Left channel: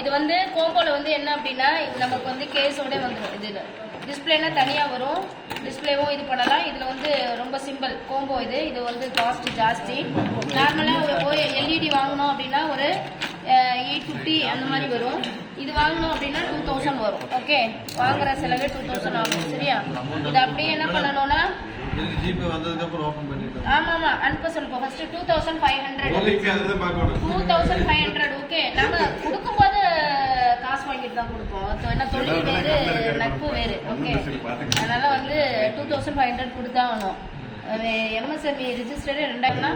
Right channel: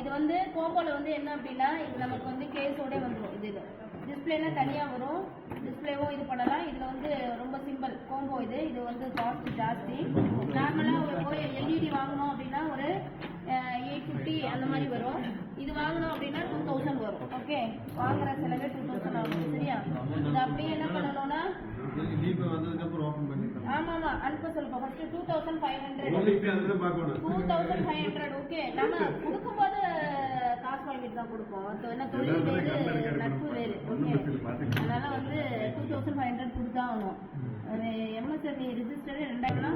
இது வந்து கோம்போல வந்து என்ன அப்படின்னா நமக்கு வந்து கேஸோட வந்துடும். இது டிஸ்பிளேனா தனியாக வரும், டிஸ்பிளேவும் இது பண்ணலாம். இதில் வந்து ரொம்ப சிம்பிள் கோம்போ. இது வந்து காஸ்ட் ஜாஸ்தி. நார்மலாக ஒரு எல்இடி வாங்கணும் அப்படின்னா ஒரு 850 அந்த மாதிரி வரும். இது வாங்கணும் அப்படின்னா 2000 வரும். ஓகே, வாங்குற செலவே 2000 ஆகும். சரியா? இது அப்படியே என்ன பண்ணணும்னா ஆமா அனுப்ப சொல்லுவோம். First 2500 okay. நாம கொடுக்கும்போது காசு வாங்கிட்டு தான் கொடுப்போம். என்ன தொழில் வேறு நட்பு வேறு. ஓகே, அதனால வந்து 2500 கொடுத்தா ஆகணும். எம்எஸ்எம்இ ரிஜிஸ்டர்டு 2000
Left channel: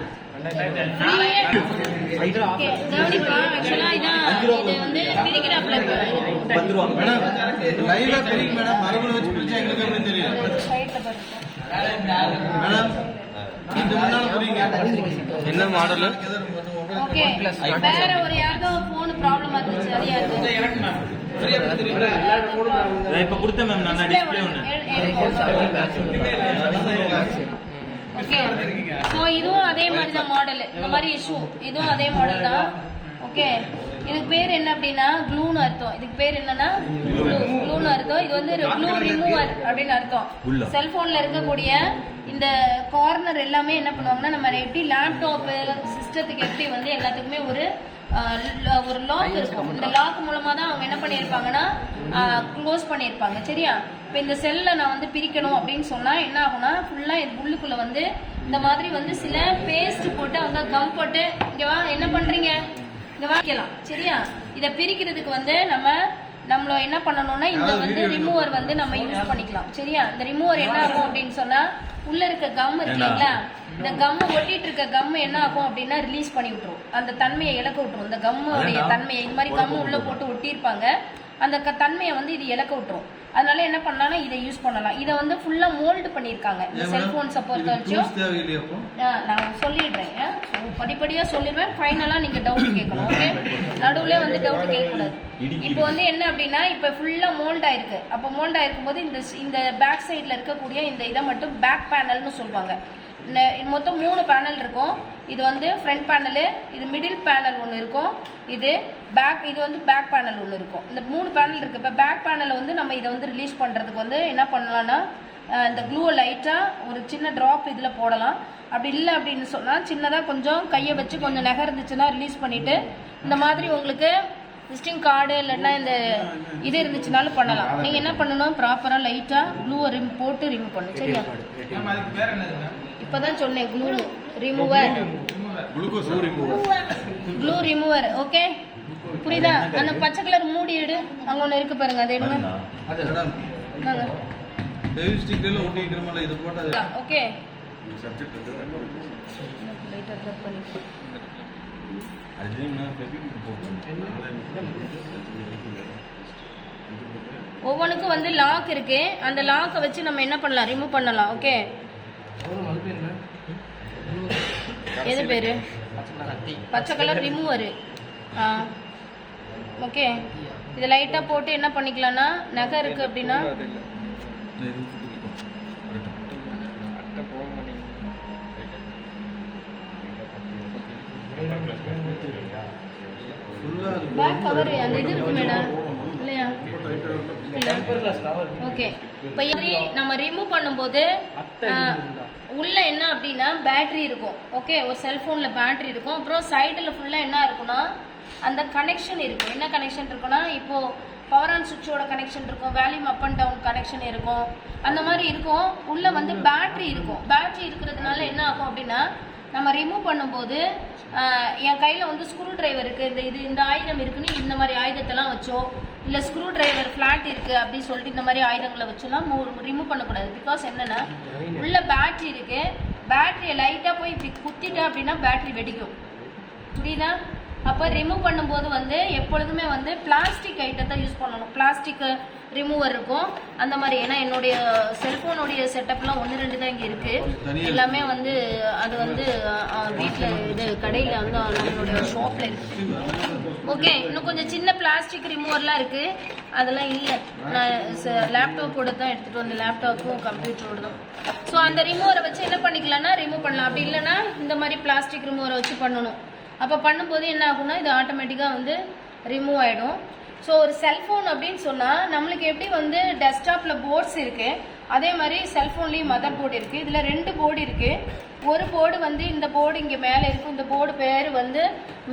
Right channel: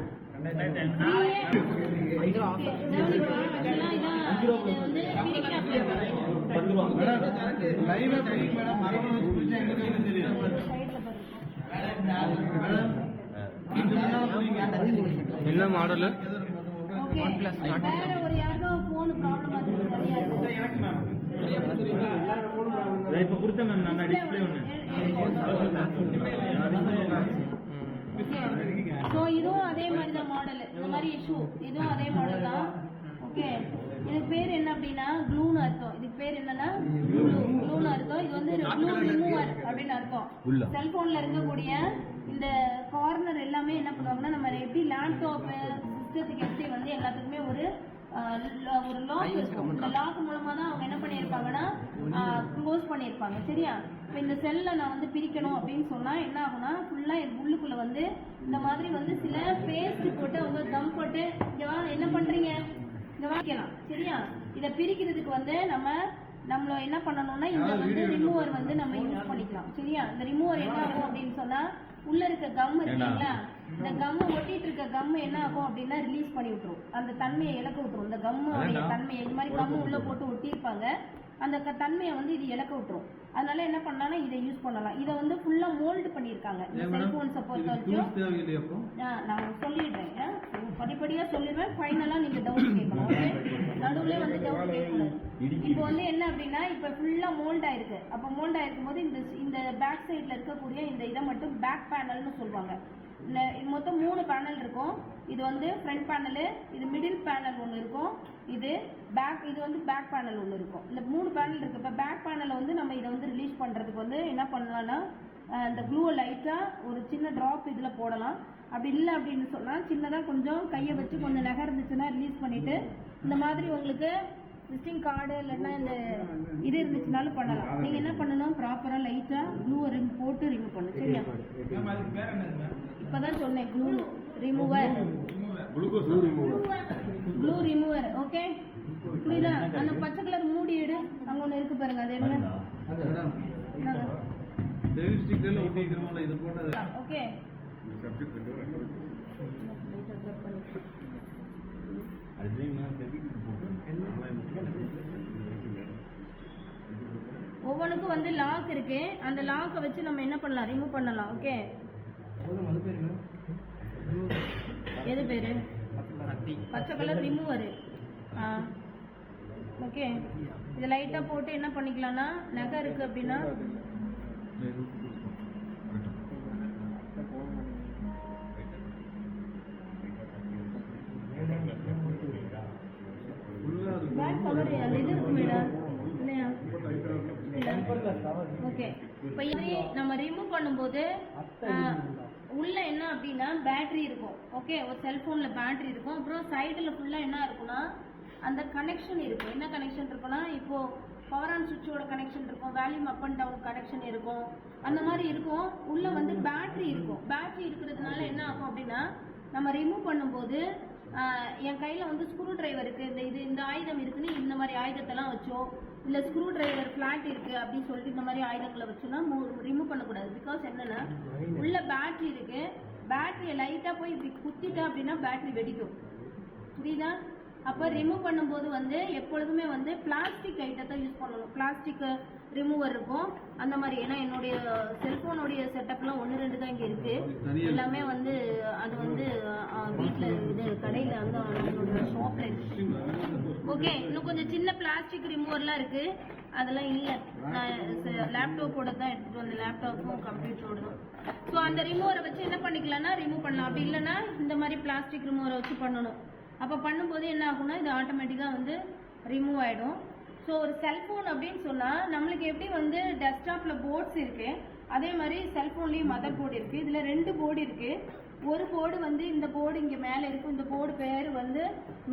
என்ன மாடல்? ஓகே, வேற ஒரு யாருக்கோ போன் ப்ராப்ளம் இருந்துச்சு. அது யாருக்கு இப்ப கொடுத்தேன் மேம். நான் டிஸ்ப்ளே ஒன்னு. ஓகே, சோ இதுவும் அதே மாதிரி தான் மாடல். இந்த மாதிரி இஷ்யூ இதுவும் அதே மாடல் தான். ஓகே, இதுக்கு பேர் என்ன அப்படின்னா க்ளூன்னு அர்த்தம். இதுக்கு பேர் என்னன்னா க்ளூன்னு அர்த்தம். இது வந்து க்ளூ ரிமூவர் அப்படின்னு அர்த்தம். செல்போன்ல இருக்கக்கூடிய இந்த கார்னர் எல்லாமே என்ன பண்ணுவாங்கன்னா, நம்ம எப்படி லேப்டாப் சிஸ்டத்துக்கு எப்படி வந்து எல்லாத்துக்குமே ஒரு லாக் இருக்கும். இந்த லாக் மூலமா தான் அவங்க என்ன பண்ணியிருப்பாங்கன்னா க்ளோஸ் பண்ணியிருப்பாங்க. சரியா? இப்போ இந்த செல்லை நான் வந்து பிரிக்கணும் அப்படின்னு சொன்னா என்ன ஆகும்னா, ஃபுல்லா இது உள்ளுக்குள்ள வந்து இந்த மாதிரி வந்து சில பேஸ்ட் போட்டு அவங்க கம் போட்டு இங்க வா என்ன பண்றீங்க இங்க வாங்கிக்கலாம். சரியா? இதை பிரிக்கிறதுக்கு வந்து நம்மள என்ன பண்ணணும்னா இந்த வந்து ரிமூவர் வந்து நம்ம யூஸ் பண்ணிக்கலாம். சரியா? இந்த ரிமூவர் என்ன ஆகும் அப்படின்னு சொன்னா, உள்ள இருக்க கம் இருக்கு இல்லைங்களா, இந்த கம் ஒட்டிட்டு இருக்க கம் என்ன ஆகும் அப்படின்னா ரிலீஸ் பண்ணி விட்டுரும். அந்த தன்மையை இழக்க விட்டுரும். இந்த கம்முடைய தன்மையை இது மாதிரி கம் உள்ள போட்டு ஒட்டியிருப்பாங்க. அந்த தன்மையை வந்து இது இழக்க விட்டுரும். அதனால என்ன பண்ணலாம்னா இதை யூஸ் பண்ணலாம். இதை வந்து ஃபுல்லா மோல்டு பண்ணியிருக்காங்க. இந்த செல்போன்ஸை பொறுத்த வரைக்கும் நான் சொல்லிடுறேன். படிப்படியா சொல்லிடுவேன். ஃபைனலா நீங்க டவுட் கேட்கணும். ஓகே, நடுவுல வந்து டவுட் கேட்கக்கூடாது. இப்போ வந்து என்ன அப்படின்னா, இப்போ ஃபுல்லா மோல்ட் ஆயிருக்கு. அப்போ மோல்ட் ஆயிருக்கும் போது இந்த பேக் சைட்ல இருக்கக்கூடிய இந்த இதை மட்டும் பேக் பேனல்னு சொல்லுவாங்க. மொத்தம் 3 பேனல் இருக்கும். இது வந்து ஃப்ரண்ட் பேனலு, இது மிடில் பேனல் ஒன்று இருக்கும், இது வந்து பேக் பேனல் ஒன்று இருக்கும். இந்த 3 பேனல் இருக்கு. இப்போ பேக் பேனலை வந்து நம்ம இதை வந்து ரிலீஸ் பண்ணுறதுக்கு வந்து என்ன பண்ணலாம்னா, இந்த க்ளூவை லைட்டாக ஒரு சின்ன ட்ராப் இதில் போடலாம். அப்படி இல்லை அப்படின்னு சொன்னால் சின்னதாக கொஞ்சம் கையை வச்சு கொஞ்சம் நகர்ந்துச்சுன்னா ரிலீஸ் பண்ணிவிட்டு இந்த மாதிரி உங்களுக்கு விசிட்டிங் கார்டு இல்லைன்னா இந்த இது இருந்துச்சுனாலும் பண்ணலாம். நீங்கள் என்ன பண்ணணும், ப்ராப்பராக லைட்டாக க்ளூவை போட்டு ரிமூவ் பண்ணணும். சரியா? இப்போதான் சொன்னேன் glue remover. Glue remover. Okay, புரியுதா? அந்த பச்சை கலர் மூடி எடு, அங்க ஒண்ணு இருக்கு பாருங்க, அதை எடுங்க. ஓகே, ஒவ்வொன்றுக்கும் வந்து லாக் இருக்கு. அந்த லாக்கை வச்சு நம்ம என்ன பண்ணலாம், ரிமூவ் பண்ணலாம். ஓகே, எது பேரு? பச்சை கலர் ரிமூவர். ஓகே, இது லைட்டா போட்டு என்ன பண்ணிக்கலாம்னா, நகை இருக்கு அப்படின்னா பேக் கவர் அந்த இது இருக்கு மேடம் இல்லையா? ஓகே, இப்போ நம்ம ரிமூவ் பண்ணும்போது உள்ள என்ன அப்படின்னா பேட்டரி இருக்கும். ஓகே, ஒரு செல்போன்ல பேட்டரி இருக்கும். அப்புறம் சைடில் ஃபுல்லா என்ன இருக்குன்னா அந்த கனெக்ஷன் இருக்கும். என்ன கனெக்ஷன் இருக்குன்னா, இப்போ பவர் ஆன் சுவிட்சோட கனெக்ஷன் இருக்கும், வேல்யூம் அப் அண்ட் டவுன் கனெக்ஷன் இருக்கும், அந்த மாதிரி இருக்கும். உள்ள வந்து பேட்டரி இருக்கும். பேட்டரி இருக்கிறதுனால என்ன ஆகும் அப்படின்னா, நம்ம ரிமூவ் பண்ணும்போது என் கையில் வந்து ஸ்க்ரூ டிரைவர் இருக்குது, இந்த ஆயுதம் இருக்குன்னு இந்த மாதிரி ஆயுதத்தெல்லாம் வச்சோ, இல்லை ஸ்க்ரூ டிரைவர் ஃப்ளாட் இருக்குது அப்படின்னு சொல்லிட்டு இந்த மாதிரி ஆயுதங்களை வச்சோலாம் ரிமூவ் பண்ணக்கூடாது. பிகாஸ் என்னென்னா உள்ள பேட்டரி இருக்குது. பேட்டரியை லைட்டாக போய் இப்படி குத்திட்டா அப்படின்னா பேட்டரி வெடிக்கும். புரியுதா? அப்போ ரிமூவ் பண்ணும்போது வந்து எப்பொழுதுமே வந்து பிளாஸ்டிக் ஐட்டத்தை யூஸ் பண்ணணும். பிளாஸ்டிக் ரிமூவர் இருக்கும் அந்த மாதிரி. ஏன்னா என்னுடைய செல்ஃபோனுடைய செட்டப்லாம் 1-2 தான் இங்கே இருக்குது. எல்லாமே வந்து அது வந்து வீட்டில் இது கடையில் வந்து நம்மளுடைய ஷாப்பில் இருக்குது. ஓகே, இன்னும் கொஞ்சம் சின்ன பிளாஸ்டிக் ரிமூவர்லாம் இருக்குது, அதெல்லாம் இல்லை. நான் லேப்டாப்போட தான் எடுத்துகிட்டு வந்தேன், லேப்டாப்பும் கம்ப்யூட்டரோட தான். ஸோ அந்த ரிமூவரை வச்சு என்ன பண்ணிக்கலாம்னா ரிமூவ் பண்ணலாம். அப்படி இல்லைன்னா இந்த மாதிரி பிளாஸ்டிக் ரிமூவரை வச்சு பண்ணணும். அப்போ பண்ணும்போது என்ன ஆகும்னா இது ஆட்டோமேட்டிக்காக வந்து ரிமூவ் ஆகிடும். ஸோ ஒரு செல்ஃபோன் அப்படின்னு சொன்னால் நம்மளுக்கு எப்படி வந்து டெஸ்க்டாப்பில் போர்ட்ஸ் இருக்குது, அதே மாதிரி செல்ஃபோன்லேயும் மதர் போர்டு இருக்குது. இதில் 2 போர்டு இருக்குது. ஒரு போர்டு வந்து இந்த போர்டு இங்கே மேலே இருக்கும், இந்த போர்டு பேர் வந்து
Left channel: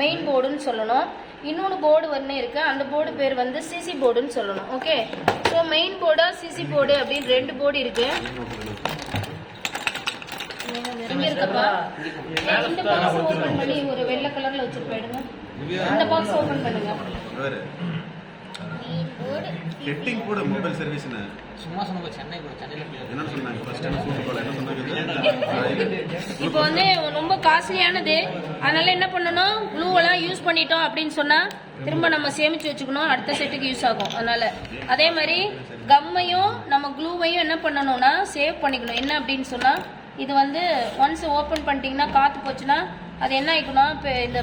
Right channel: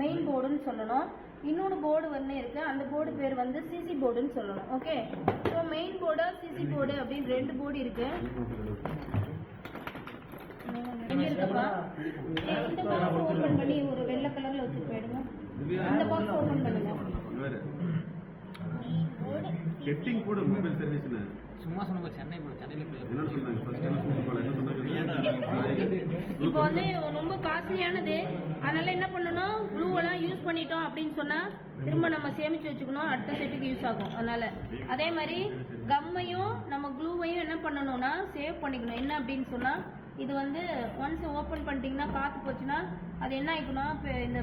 மெயின் போர்டுன்னு சொல்லணும். இன்னொன்று போர்டு ஒன்று இருக்குது, அந்த போர்டு பேர் வந்து சிசி போர்டுன்னு சொல்லணும். ஓகே, ஸோ மெயின் போர்டா சிசி போர்டு அப்படின்னு 2 போர்டு இருக்குது. இங்கே இருக்கப்பா, இந்த பாக்ஸ் ஓப்பன் பண்ணி ஒரு வெள்ளை கலரில் வச்சுட்டு போயிடுங்க. இந்த பாக்ஸ் ஓப்பன் பண்ணுங்க. ஹெட்டிங் கூட மொபைல் சர்வீஸ்னு சும்மா சொன்ன சென்னையில என்ன சொன்னாங்க ஃபர்ஸ்ட் என்ன சொன்னாங்க? இப்போ வந்து ரொம்ப காஸ்ட்லியானது, அதனால என்ன பண்ணணும், க்ளூவெல்லாம் யூஸ் பண்ணிட்டோம் அப்படின்னு சொன்னா திரும்ப நம்ம சேமிச்சு வச்சுக்கணும், அடுத்த செட்டுக்கு யூஸ் ஆகும். அதனால அதே மாதிரி கம்மையும் நம்ம க்ளூவையும் என்ன பண்ணணும்னா சேவ் பண்ணிக்கணும். என்ன அப்படின்னு சொன்னா இது வந்து ஒன்ஸ் ஓப்பன் பண்ணிட்டீங்கன்னா காற்று போச்சுன்னா அது என்ன ஆகிக்கணும், இப்போ இந்த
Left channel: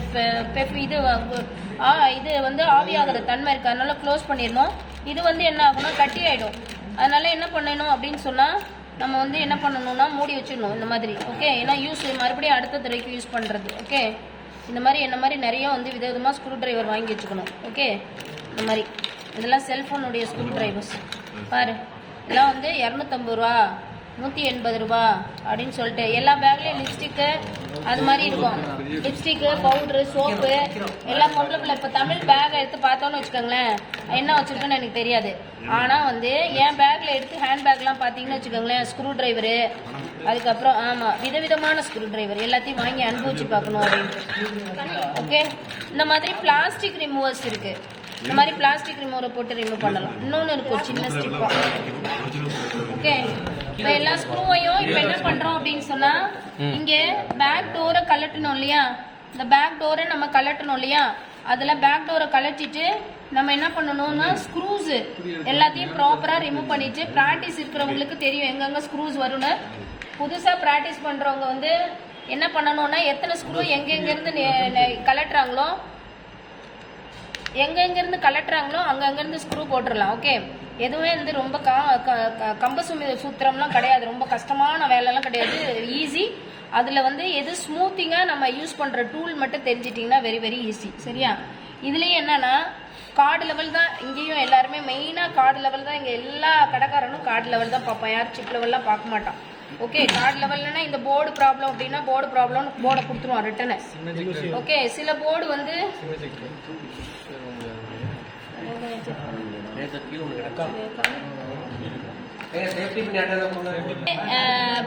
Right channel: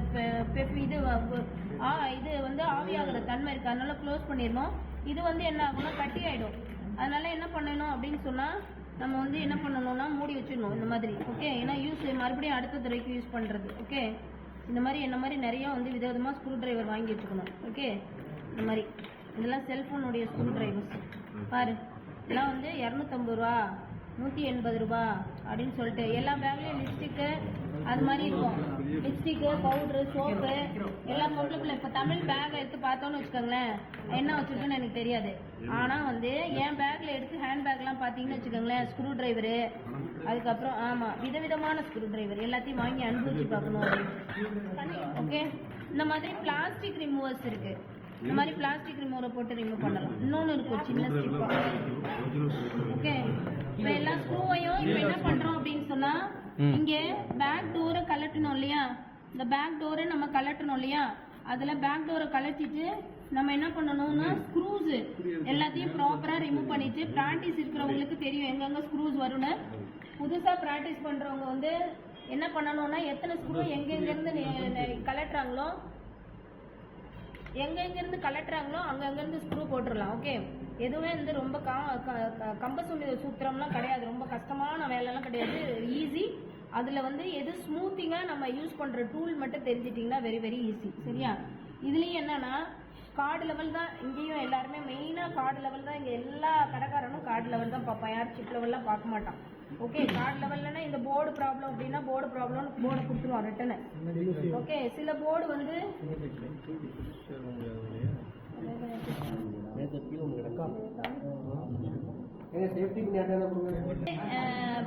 இது வந்து ஆவியாகிற தன்மை இருக்குது, அதனால க்ளோஸ் பண்ணிடணும். இது வந்து என்ன ஆகும்னா கட்டி ஆகிடும். அதனால என்ன பண்ணணும் அப்படின்னு சொன்னால் நம்ம வந்து என்ன பண்ணணும்னா மூடி வச்சிடணும் இந்த மாதிரி. ஓகே, ஏன்னா மறுபடியும் அடுத்த தடவைக்கு யூஸ் பண்ணுறது. ஓகே, இந்த மாதிரி என்ன மாதிரி நிறைய வந்து விதவிதமாக ஸ்க்ரூ டிரைவர் வாங்கி வச்சுக்கணும். ஓகே, இந்த மாதிரி இதெல்லாம் செல்ஃபோனுடைய ஸ்க்ரூ டிரைவர்ஸ் பாரு. இதெல்லாம் வந்து 250 ரூபா, 180 ரூபா அப்படின்னு சொல்லிட்டு எல்லா பேக்லேயும் லிப்ஸ்டிக்கு அது மாதிரி இருக்கும். லிப்ஸ்டிக்கு, பவுட்ரு, சோப்பு எல்லாம் பொருளுக்குள்ள. இப்போ தமிழ் பேக் எடுத்து பார்த்தோன்னு வச்சுக்கோங்களேன், என்ன வச்சுருக்கேன்னு எனக்கு தெரியாது. ஆனால் வந்து என் பேக்கில் எடுத்து ஹேண்ட் பேக்லாம் பார்த்தீங்கன்னு வச்சுக்கோங்களேன், ஸ்க்ரூ டிரைவரு, அதுக்கப்புறம் ஆமாம் விதவிதமான ஸ்க்ரூ டிரைவர் எல்லாத்தையும் வாங்கி அனுபவிச்சு பார்க்கணும் அப்படின்னு. ஓகே, இந்த மாதிரி பிளாஸ்டிக் ரிமூவர்ஸ் இருக்குது. இந்த மாதிரி பிளாஸ்டிக் ரிமூவரை போட்டு ரிமூவ் பண்ணலாம். இன்னொன்று இருக்கும் சின்ன ஸ்டிப்பா. ஓகே, இப்போ எல்லா ஸ்க்ரூவையும் இப்போ என்ன பண்ணுறோம் அப்படின்னு சொன்னால் இங்கே பேக் டோரை கலட்டணும் இல்லையா, இந்த பேக் டோரை நம்ம கலட்டணும் இல்லையா, அதில் பேக் டோரை கலட்டிட்டு நம்ம என்ன பண்ணணும்னா ஸ்க்ரூஸ் எல்லாத்தையும் ப்ராப்பராக ரிமூவ் பண்ணிட்டு, ப்ராக்டிஸ் இருக்கிறவங்களுக்கு தெரியும் எங்கெங்கே ஸ்க்ரூஸ் வரும்னு. புதுசாக ப்ராக்டிஸ் பண்ணுறவங்க வந்து என்ன பண்ணணும்னா எத்தனை ஸ்க்ரூ எங்கெங்கேருந்து கலட்டுறாங்களோ எங்கெங்கேருந்து கலட்டுறாங்களோ அங்கங்கேருந்து ஸ்க்ரூ போட்டுடலாம். ஓகே, எதுவுமே வந்து ரொம்ப கம்பசுமி சூத்திரம்லாம் கிடையாது, ரொம்ப கஷ்டமான வேலைலாம் கிடையாது, ஈஸி. அதில் வந்து எது ஸ்மூத்திங்காக நம்ம யூஸ் பண்ணுற டூல் மட்டும் தெரிஞ்சிட்டிங்கன்னா வெரி வெரி ஈஸி. சரியா? இதுலேயும் என்னன்னா கார்டு லெவல் தான், இங்கேயும் எல்லாருமே மெயினாக கார்டு லெவல் தான். இங்கே எல்லா கடைக்காரனும் கார்டு லெவல் தான் பார்ப்பான், யார் சிப் லெவல்லாம் பார்க்க மாட்டான். ஓகே, கார்டு லெவல்னா இந்த போர்டு ப்ராப்ளம் அப்படின்னா போர்டு ப்ராப்ளம் போர்டை கொடுத்துருவான் ரிட்டனு. ஓகே, சில போர்டு வந்து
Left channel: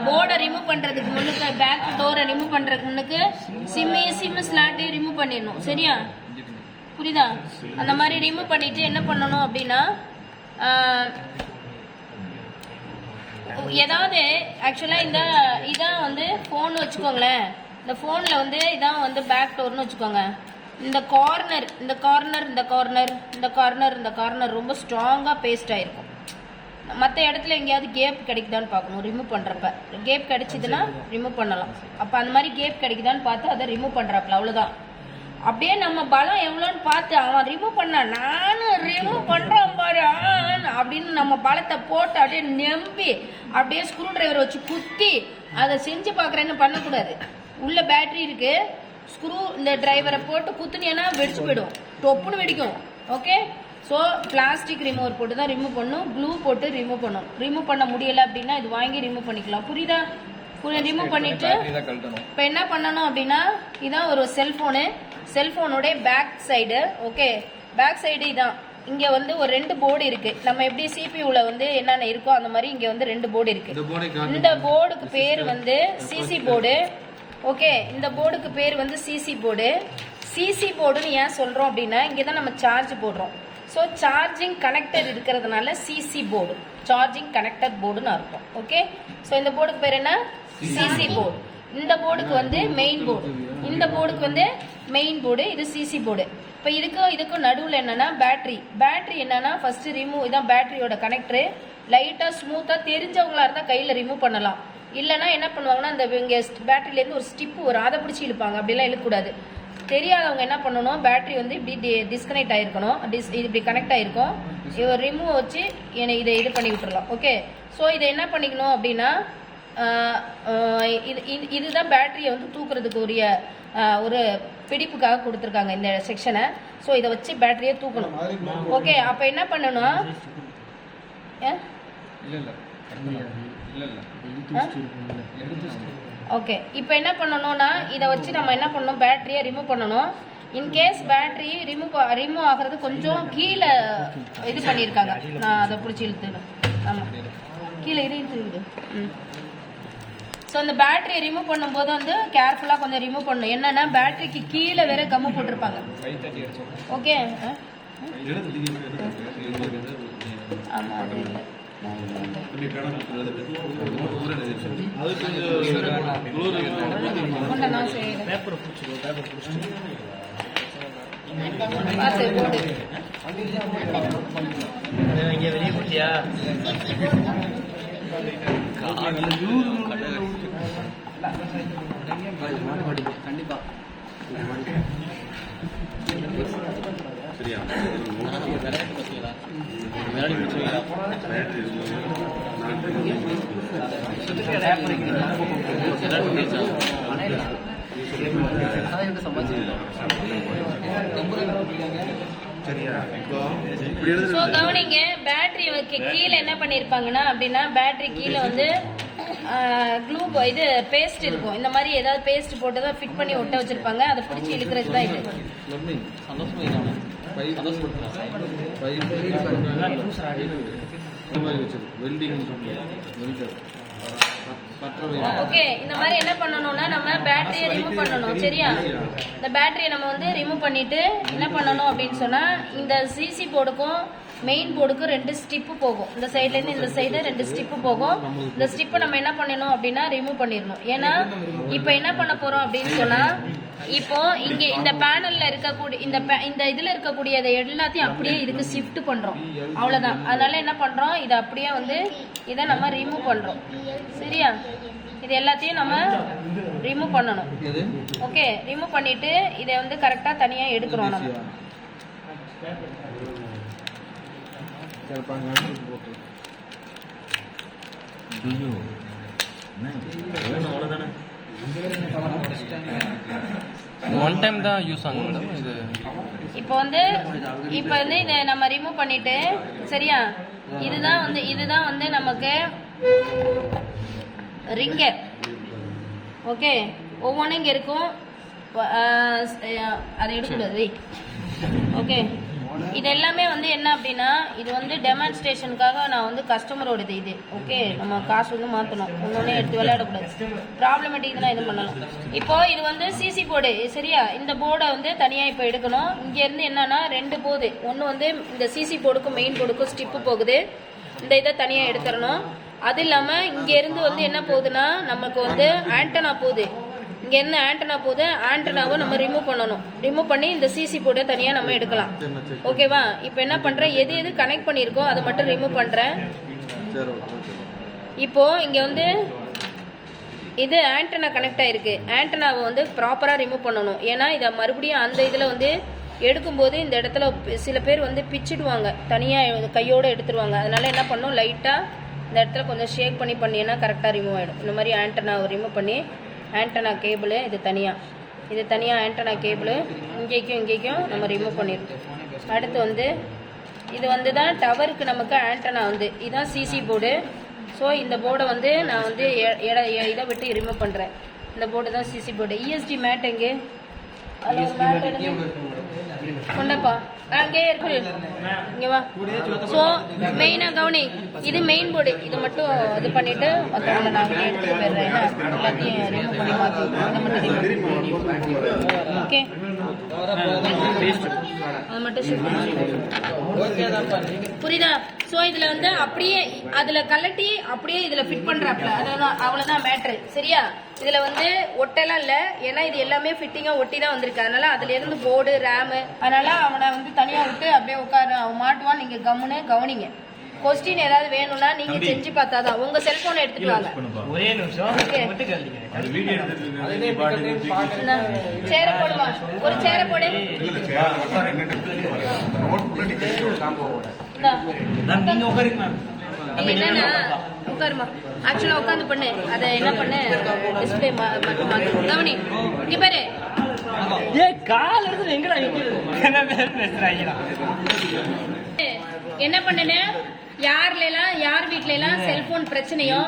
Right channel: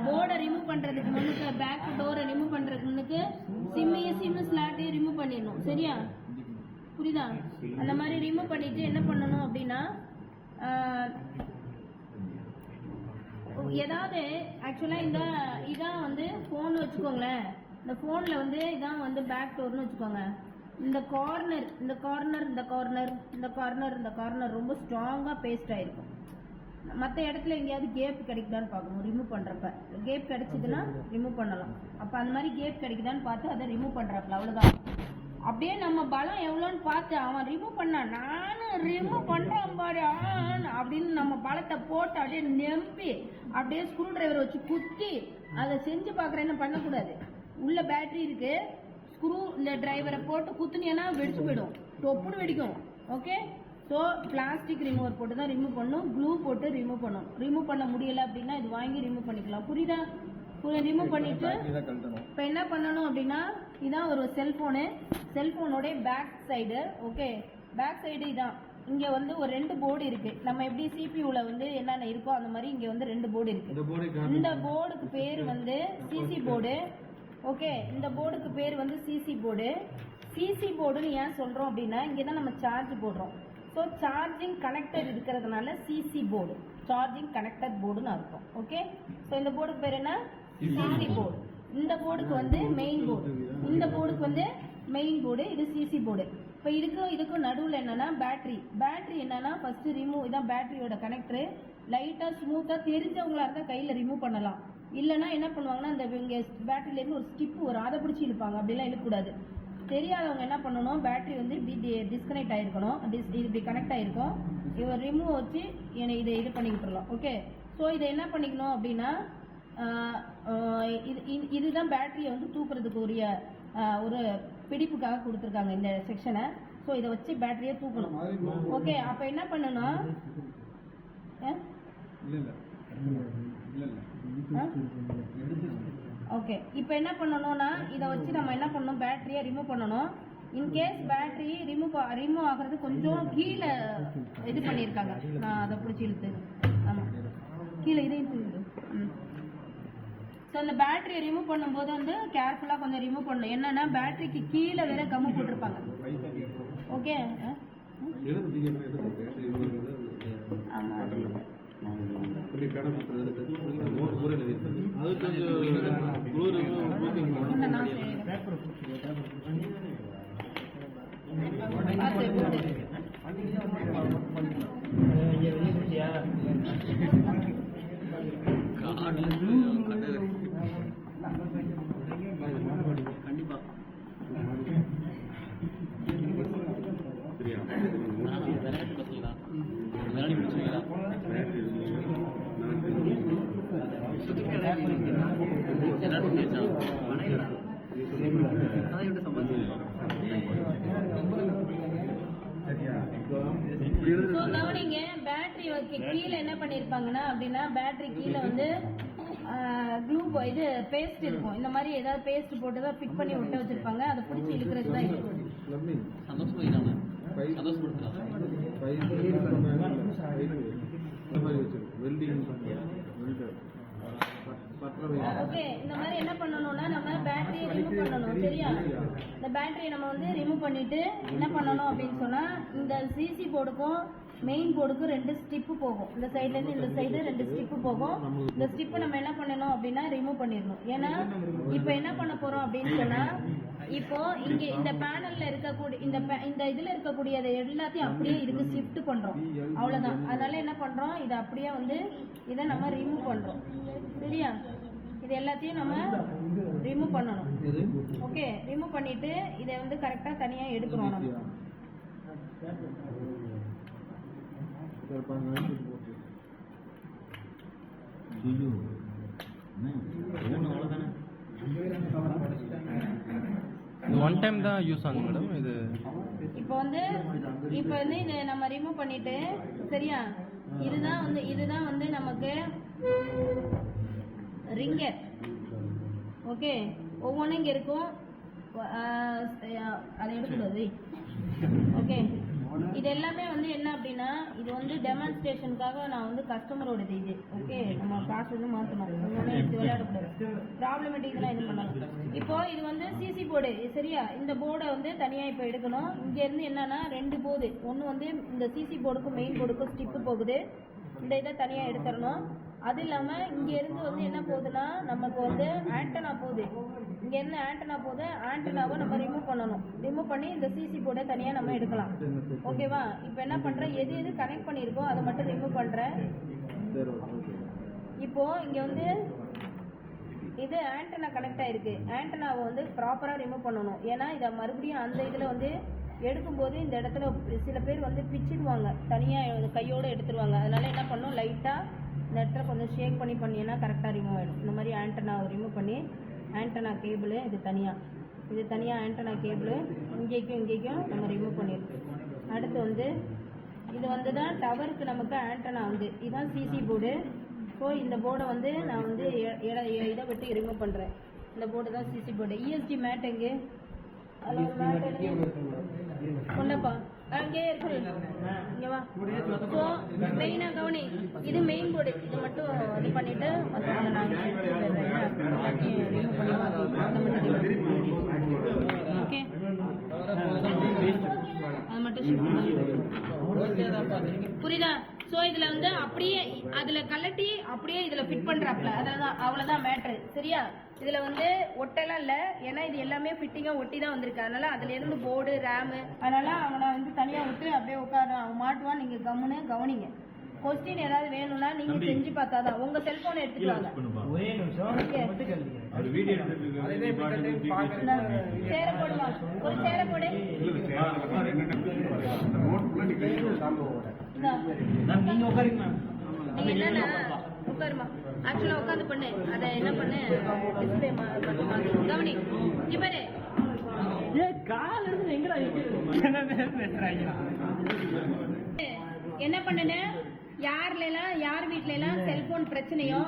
போர்டை ரிமூவ் பண்றதுக்கு முன்னுக்கு, பேக் டோரை ரிமூவ் பண்றதுக்கு முன்னுக்கு சிம்மு ஸ்லாட்டு ரிமூவ் பண்ணிடணும். சரியா? புரியுதா? அந்த மாதிரி ரிமூவ் பண்ணிட்டு என்ன பண்ணணும் அப்படின்னா ஏதாவது ஆக்சுவலாக இதான் வந்து ஃபோன் வச்சுக்கோங்களேன், இந்த ஃபோனில் வந்து இதான் வந்து பேக் டோர்னு வச்சுக்கோங்க. இந்த கார்னர் ரொம்ப ஸ்ட்ராங்காக பேஸ்ட் ஆகிருக்கும். மற்ற இடத்துல எங்கேயாவது கேப் கிடைக்குதான்னு பார்க்கணும் ரிமூவ் பண்ணுறப்ப. கேப் கிடைச்சிதுன்னா ரிமூவ் பண்ணலாம். அப்போ அந்த மாதிரி கேப் கிடைக்குதான்னு பார்த்து அதை ரிமூவ் பண்ணுறாப்புல, அவ்வளோதான். அப்படியே நம்ம பலம் எவ்வளோன்னு பார்த்து அவன் ரிமூவ் பண்ணா நானும் ரிமூவ் பண்ணுறான் பாரு அப்படின்னு நம்ம பலத்தை போட்டு அப்படியே நம்பி அப்படியே ஸ்க்ரூ டிரைவர் வச்சு குத்தி அதை செஞ்சு பார்க்குறேன்னு பண்ணக்கூடாது. உள்ள பேட்டரி இருக்கு, ஸ்க்ரூ இந்த டிரைவரை போட்டு குத்துனியன்னா வெடிச்சு போயிடும், டொப்புன்னு வெடிக்கும். ஓகே, ஸோ பிளாஸ்டிக் ரிமூவர் போட்டு தான் ரிமூவ் பண்ணணும், க்ளூ போட்டு ரிமூவ் பண்ணணும். ரிமூவ் பண்ண முடியலை அப்படின்னா இது வாங்கி ரிமூவ் பண்ணிக்கலாம். புரியுதா? ரிமூவ் பண்ணிட்டு இப்போ என்ன பண்ணணும் அப்படின்னா இதான் ஒரு செல்ஃபோனோட back side. Okay, back side இதான். இங்கே வந்து ஒரு 2 போர்டு இருக்கு. நம்ம எப்படி சிபியூவில் வந்து என்னென்ன இருக்கோ அந்த மாதிரி இங்கே வந்து 2 போர்டு இருக்கு. இந்த போர்டுக்கு பேர் வந்து சிசி போர்டு. ஓகே, இந்த போர்டுக்கு பேர் வந்து சிசி போர்டு. சிசி போர்டுன்னு ஏன் சொல்கிறோம் அப்படின்னா இங்கே தான் நம்ம சார்ஜ் போடுறோம். ஸோ சார்ஜிங் கனெக்டர் இருக்கிறதுனால சிசி போர்டு, சார்ஜிங் கனெக்டர் போர்டுன்னு அர்த்தம். ஓகே, ஸோ இந்த போர்டுக்கு பேர் என்ன? CC board. இந்த போர்டுக்கு வந்து மெயின் போர்டு, இந்த போர்டுக்கு வந்து மெயின் போர்டு, இது சிசி போர்டு. இப்போ இதுக்கும் நடுவில் என்னன்னா பேட்டரி என்னன்னா ஃபர்ஸ்ட் ரிமூவ். இதான் பேட்டரியோட கனெக்டரு. லைட்டாக ஸ்மூத்தாக தெரிஞ்சவங்களா இருந்தால் கையில் ரிமூவ் பண்ணலாம். இல்லைன்னா என்ன பண்ணுவாங்கன்னா இந்த இங்கே பேட்டரியிலேருந்து ஒரு ஸ்டிப்பு வரும், அதை பிடிச்சி இழுப்பாங்க. அப்படிலாம் இழுக்கக்கூடாது. தெரியாதவங்க என்ன பண்ணணும், பேட்டரி வந்து இப்படி டிஸ்கனெக்ட் ஆகிருக்கணும், இது இப்படி கனெக்ட் ஆகிருக்கும். ரிமூவ் வச்சு இதை இது பண்ணி விட்டுறலாம். ஓகே, ஸோ இதை என்ன பண்ணிக்கணும் அப்படின்னா இதுதான் பேட்டரியை வந்து தூக்குறதுக்கு உரிய ஒரு பிடிப்புக்காக கொடுத்துருக்காங்க இந்த செக்ஷனை. ஸோ இதை வச்சு பேட்டரியை தூக்கணும். ஓகே, அப்போ என்ன பண்ணணும்? ஓகே, இப்போ என்ன பண்ணணும்னா இதை வச்சு நம்ம என்ன பண்ணணும், பேட்டரியை ரிமூவ் பண்ணணும். இன்கேஸ் பேட்டரி ரிமூவ் ஆகிறது கொஞ்சம் கீழே இது பண்ணியிருக்காங்க. நான் அதை பிடிச்சி இழுத்துணும். ஆமாம், கீழே இழுத்துருக்குது. ஸோ அந்த பேட்டரியை ரிமூவ் பண்ணும்போது வந்து கேர்ஃபுல்லாக கொஞ்சம் ரிமூவ் பண்ணணும். என்னன்னா பேட்டரிக்கு கீழே வேற கம்மு போட்டிருப்பாங்க. ஓகே, ஆமாம், அது இல்லை. நான் செய்யறேன். இங்கே வெளியே போட்டியா? கண்டிப்பா சரியா கவனிங்க, பேட்டரி கீழே என்ன பண்ணிருப்பாங்கன்னா அப்படின்னா பேட்டரி கீழே வந்து க்ளூ இது பேஸ்ட் இருக்கும். இந்த மாதிரி ஏதாவது பேஸ்ட் போட்டு தான் ஃபிட் பண்ணி ஒட்ட வச்சிருப்பாங்க. அதை பிடிச்சி இழுக்கிறது தான் இது. ஓகே, இந்த மாதிரி என்ன பண்ணணும்னா நம்ம பேட்டரியை ரிமூவ் பண்ணணும். சரியா, இந்த பேட்டரியை நம்ம வந்து ரிமூவ் பண்ணிட்டு என்ன பண்ணணும் அப்படின்னு சொன்னா இந்த சிசி போர்டுக்கும் மெயின் போர்டுக்கு 2 ஸ்டிப்பு போகும். இந்த சைட்லேருந்து இந்த சைடு 2 ஸ்டிப்பு போகும். இந்த ஸ்டிப்பை நம்ம என்ன பண்ணணும் அப்படின்னா ரிமூவ் பண்ணிடணும். ஏன்னா இப்போ என்ன பண்ண போறோம் அப்படின்னு சொன்னா இப்போ இங்கே இந்த பேனல்ல இருக்கக்கூடிய இந்த இதுல இருக்கக்கூடியதை எல்லாத்தையும் அப்படியே இதுக்கு ஷிஃப்ட் பண்றோம். அவ்வளவுதான். அதனால என்ன பண்றோம், இதை அப்படியே வந்து இதை நம்ம ரிமூவ் பண்றோம். சரியா, இது எல்லாத்தையும் நம்ம ரிமூவ் பண்ணணும். ஓகே, ரிமூவ் பண்ணிட்டு இதை வந்து கரெக்டா தனியா எடுக்கிறோம் நம்ம. ஒன் டைம் தான் யூஸ் ஆகும் மேடம் இது. இப்போ வந்து இதை நம்ம ரிமூவ் பண்ணிட்டு சரியா, இதுதான் வந்து நமக்கு ரிங்கர். ஓகே, ஒவ்வொன்றும் இங்கே இருக்கும். அதை எடுக்கூடாது. ஓகே, இது எல்லாமே வந்து என்ன அப்படின்னா இது வந்து டெமான்ஸ்ட்ரேஷனுக்காக நான் வந்து கஸ்டமரோடது இது. ஓகே, நம்ம காசு வந்து மாற்றணும். ஒன்னொன்னே எடுத்து விளையாடக்கூடாது. ப்ராப்ளமேட்டிக் தான் இது பண்ணணும். இப்போ இது வந்து சிசி போர்டு. சரியா, இந்த போர்டை வந்து தனியாக இப்போ எடுக்கணும். இங்கேருந்து என்னன்னா 2 போகுது. ஒன்று வந்து இந்த சிசி போர்டுக்கும் மெயின் போர்டுக்கும் ஸ்டிப்பு போகுது. இந்த இதை தனியாக எடுத்துடணும். அது இல்லாமல் இங்கேருந்து வந்து என்ன போகுதுன்னா நமக்கு வந்து ஆண்டனா போகுது. இங்கேருந்து ஆண்டனா போகுது. ஆண்டனாவை நம்ம ரிமூவ் பண்ணணும். ரிமூவ் பண்ணி இந்த சிசி போர்டை தனியாக நம்ம எடுக்கலாம். ஓகேவா, இப்போ என்ன பண்ணுறேன், எது கனெக்ட் பண்ணியிருக்கோ அதை மட்டும் ரிமூவ் பண்ணுறேன். இப்போ இங்கே வந்து இது ஆண்டனா கனெக்ட் ஆகிருக்கு. ஆண்டனாவை வந்து ப்ராப்பராக ரிமூவ் பண்ணணும். ஏன்னா இதை மறுபடியும் அந்த இதில் வந்து எடுக்கும்போது இந்த இடத்துல சில பேர் வந்து பிச்சிடுவாங்க, தனியாக கையோடு எடுத்துருவாங்க. அதனால என்ன பண்ணணும், லைட்டாக இந்த இடத்துல கொஞ்சம் ஷேக் பண்ணிங்கன்னா கரெக்டாக ரிமூவ் ஆகிடும். இந்த மாதிரி ஆண்டனாவை ரிமூவ் பண்ணி ஆண்டனா கேபிள் இது தனியாக ஆண்டனா கேபிள் இங்கேக்கும் நம்ம ரிமூவ் பண்ணியிருக்கோம். அடுத்து வந்து இது வந்து தான் டவருக்கு நமக்கு ஆண்டனா வந்து இதுதான் சிசி போர்டு. ஸோ இந்த போர்டை வந்து நான் வந்து இதை விட்டு ரிமூவ் பண்ணுறேன். இந்த போர்டு தான் சிசி போர்டு. இஎஸ்டி மேட் எங்கே கொண்டப்பா அங்கே இருக்கு, இங்கே வா. ஸோ மெயினாக கவனி, இது மெயின் போர்டு. இது மட்டும் இது பண்ணிட்டு மற்றவங்க நாங்கள் எடுத்துட்டு போயிடுறேன். எல்லாத்தையும் ரிமூவ் பண்ணி மாற்றி இதை மட்டும் ஓகே, அது மட்டும் புரியுதா? ஸோ இதில் வந்து அப்படியே அதில் கலட்டி அப்படியே இதில் ஃபிட் பண்ணுறாப்புல, அவ்வளோதான் மேட்ரு. சரியா, இதில் வந்து ஒட்டெல்லாம் இல்லை. ஏன்னா இது எல்லாமே ஃபிட்டிங்காக ஒட்டி தான் வந்திருக்கு. அதனால அதுலேருந்து போர்டு ரேமு, அதனால அவனை வந்து தனியாக விட்டு அப்படியே உட்காரு, அவன் மாட்டுவான். நீங்கள் கம்முன்னு கவனிங்க. கொஸ்டின் ஏதாவது வேணும்னா நீங்க செஞ்சு பார்த்தாதான். உங்க செல்போனை எடுத்துட்டு வாங்க. ஒரே நிமிஷம் சேர போடுமா, ஒரு சேர போடு. நீங்க உட்காருங்க. என்னன்னா உட்காருமா, ஆக்சுவலா உட்காந்து பண்ணு. அதை என்ன பண்ணு, டிஸ்பிளே மட்டும் கவனி. இங்க பாரு, ஏய் கால் எடுத்து எங்கடா நிக்கிறது என்ன பேர் பேசுறாங்கடா என்ன பண்ணேன் யார் வீட்ல எல்லாம் செல்போன் பிரச்சனையோ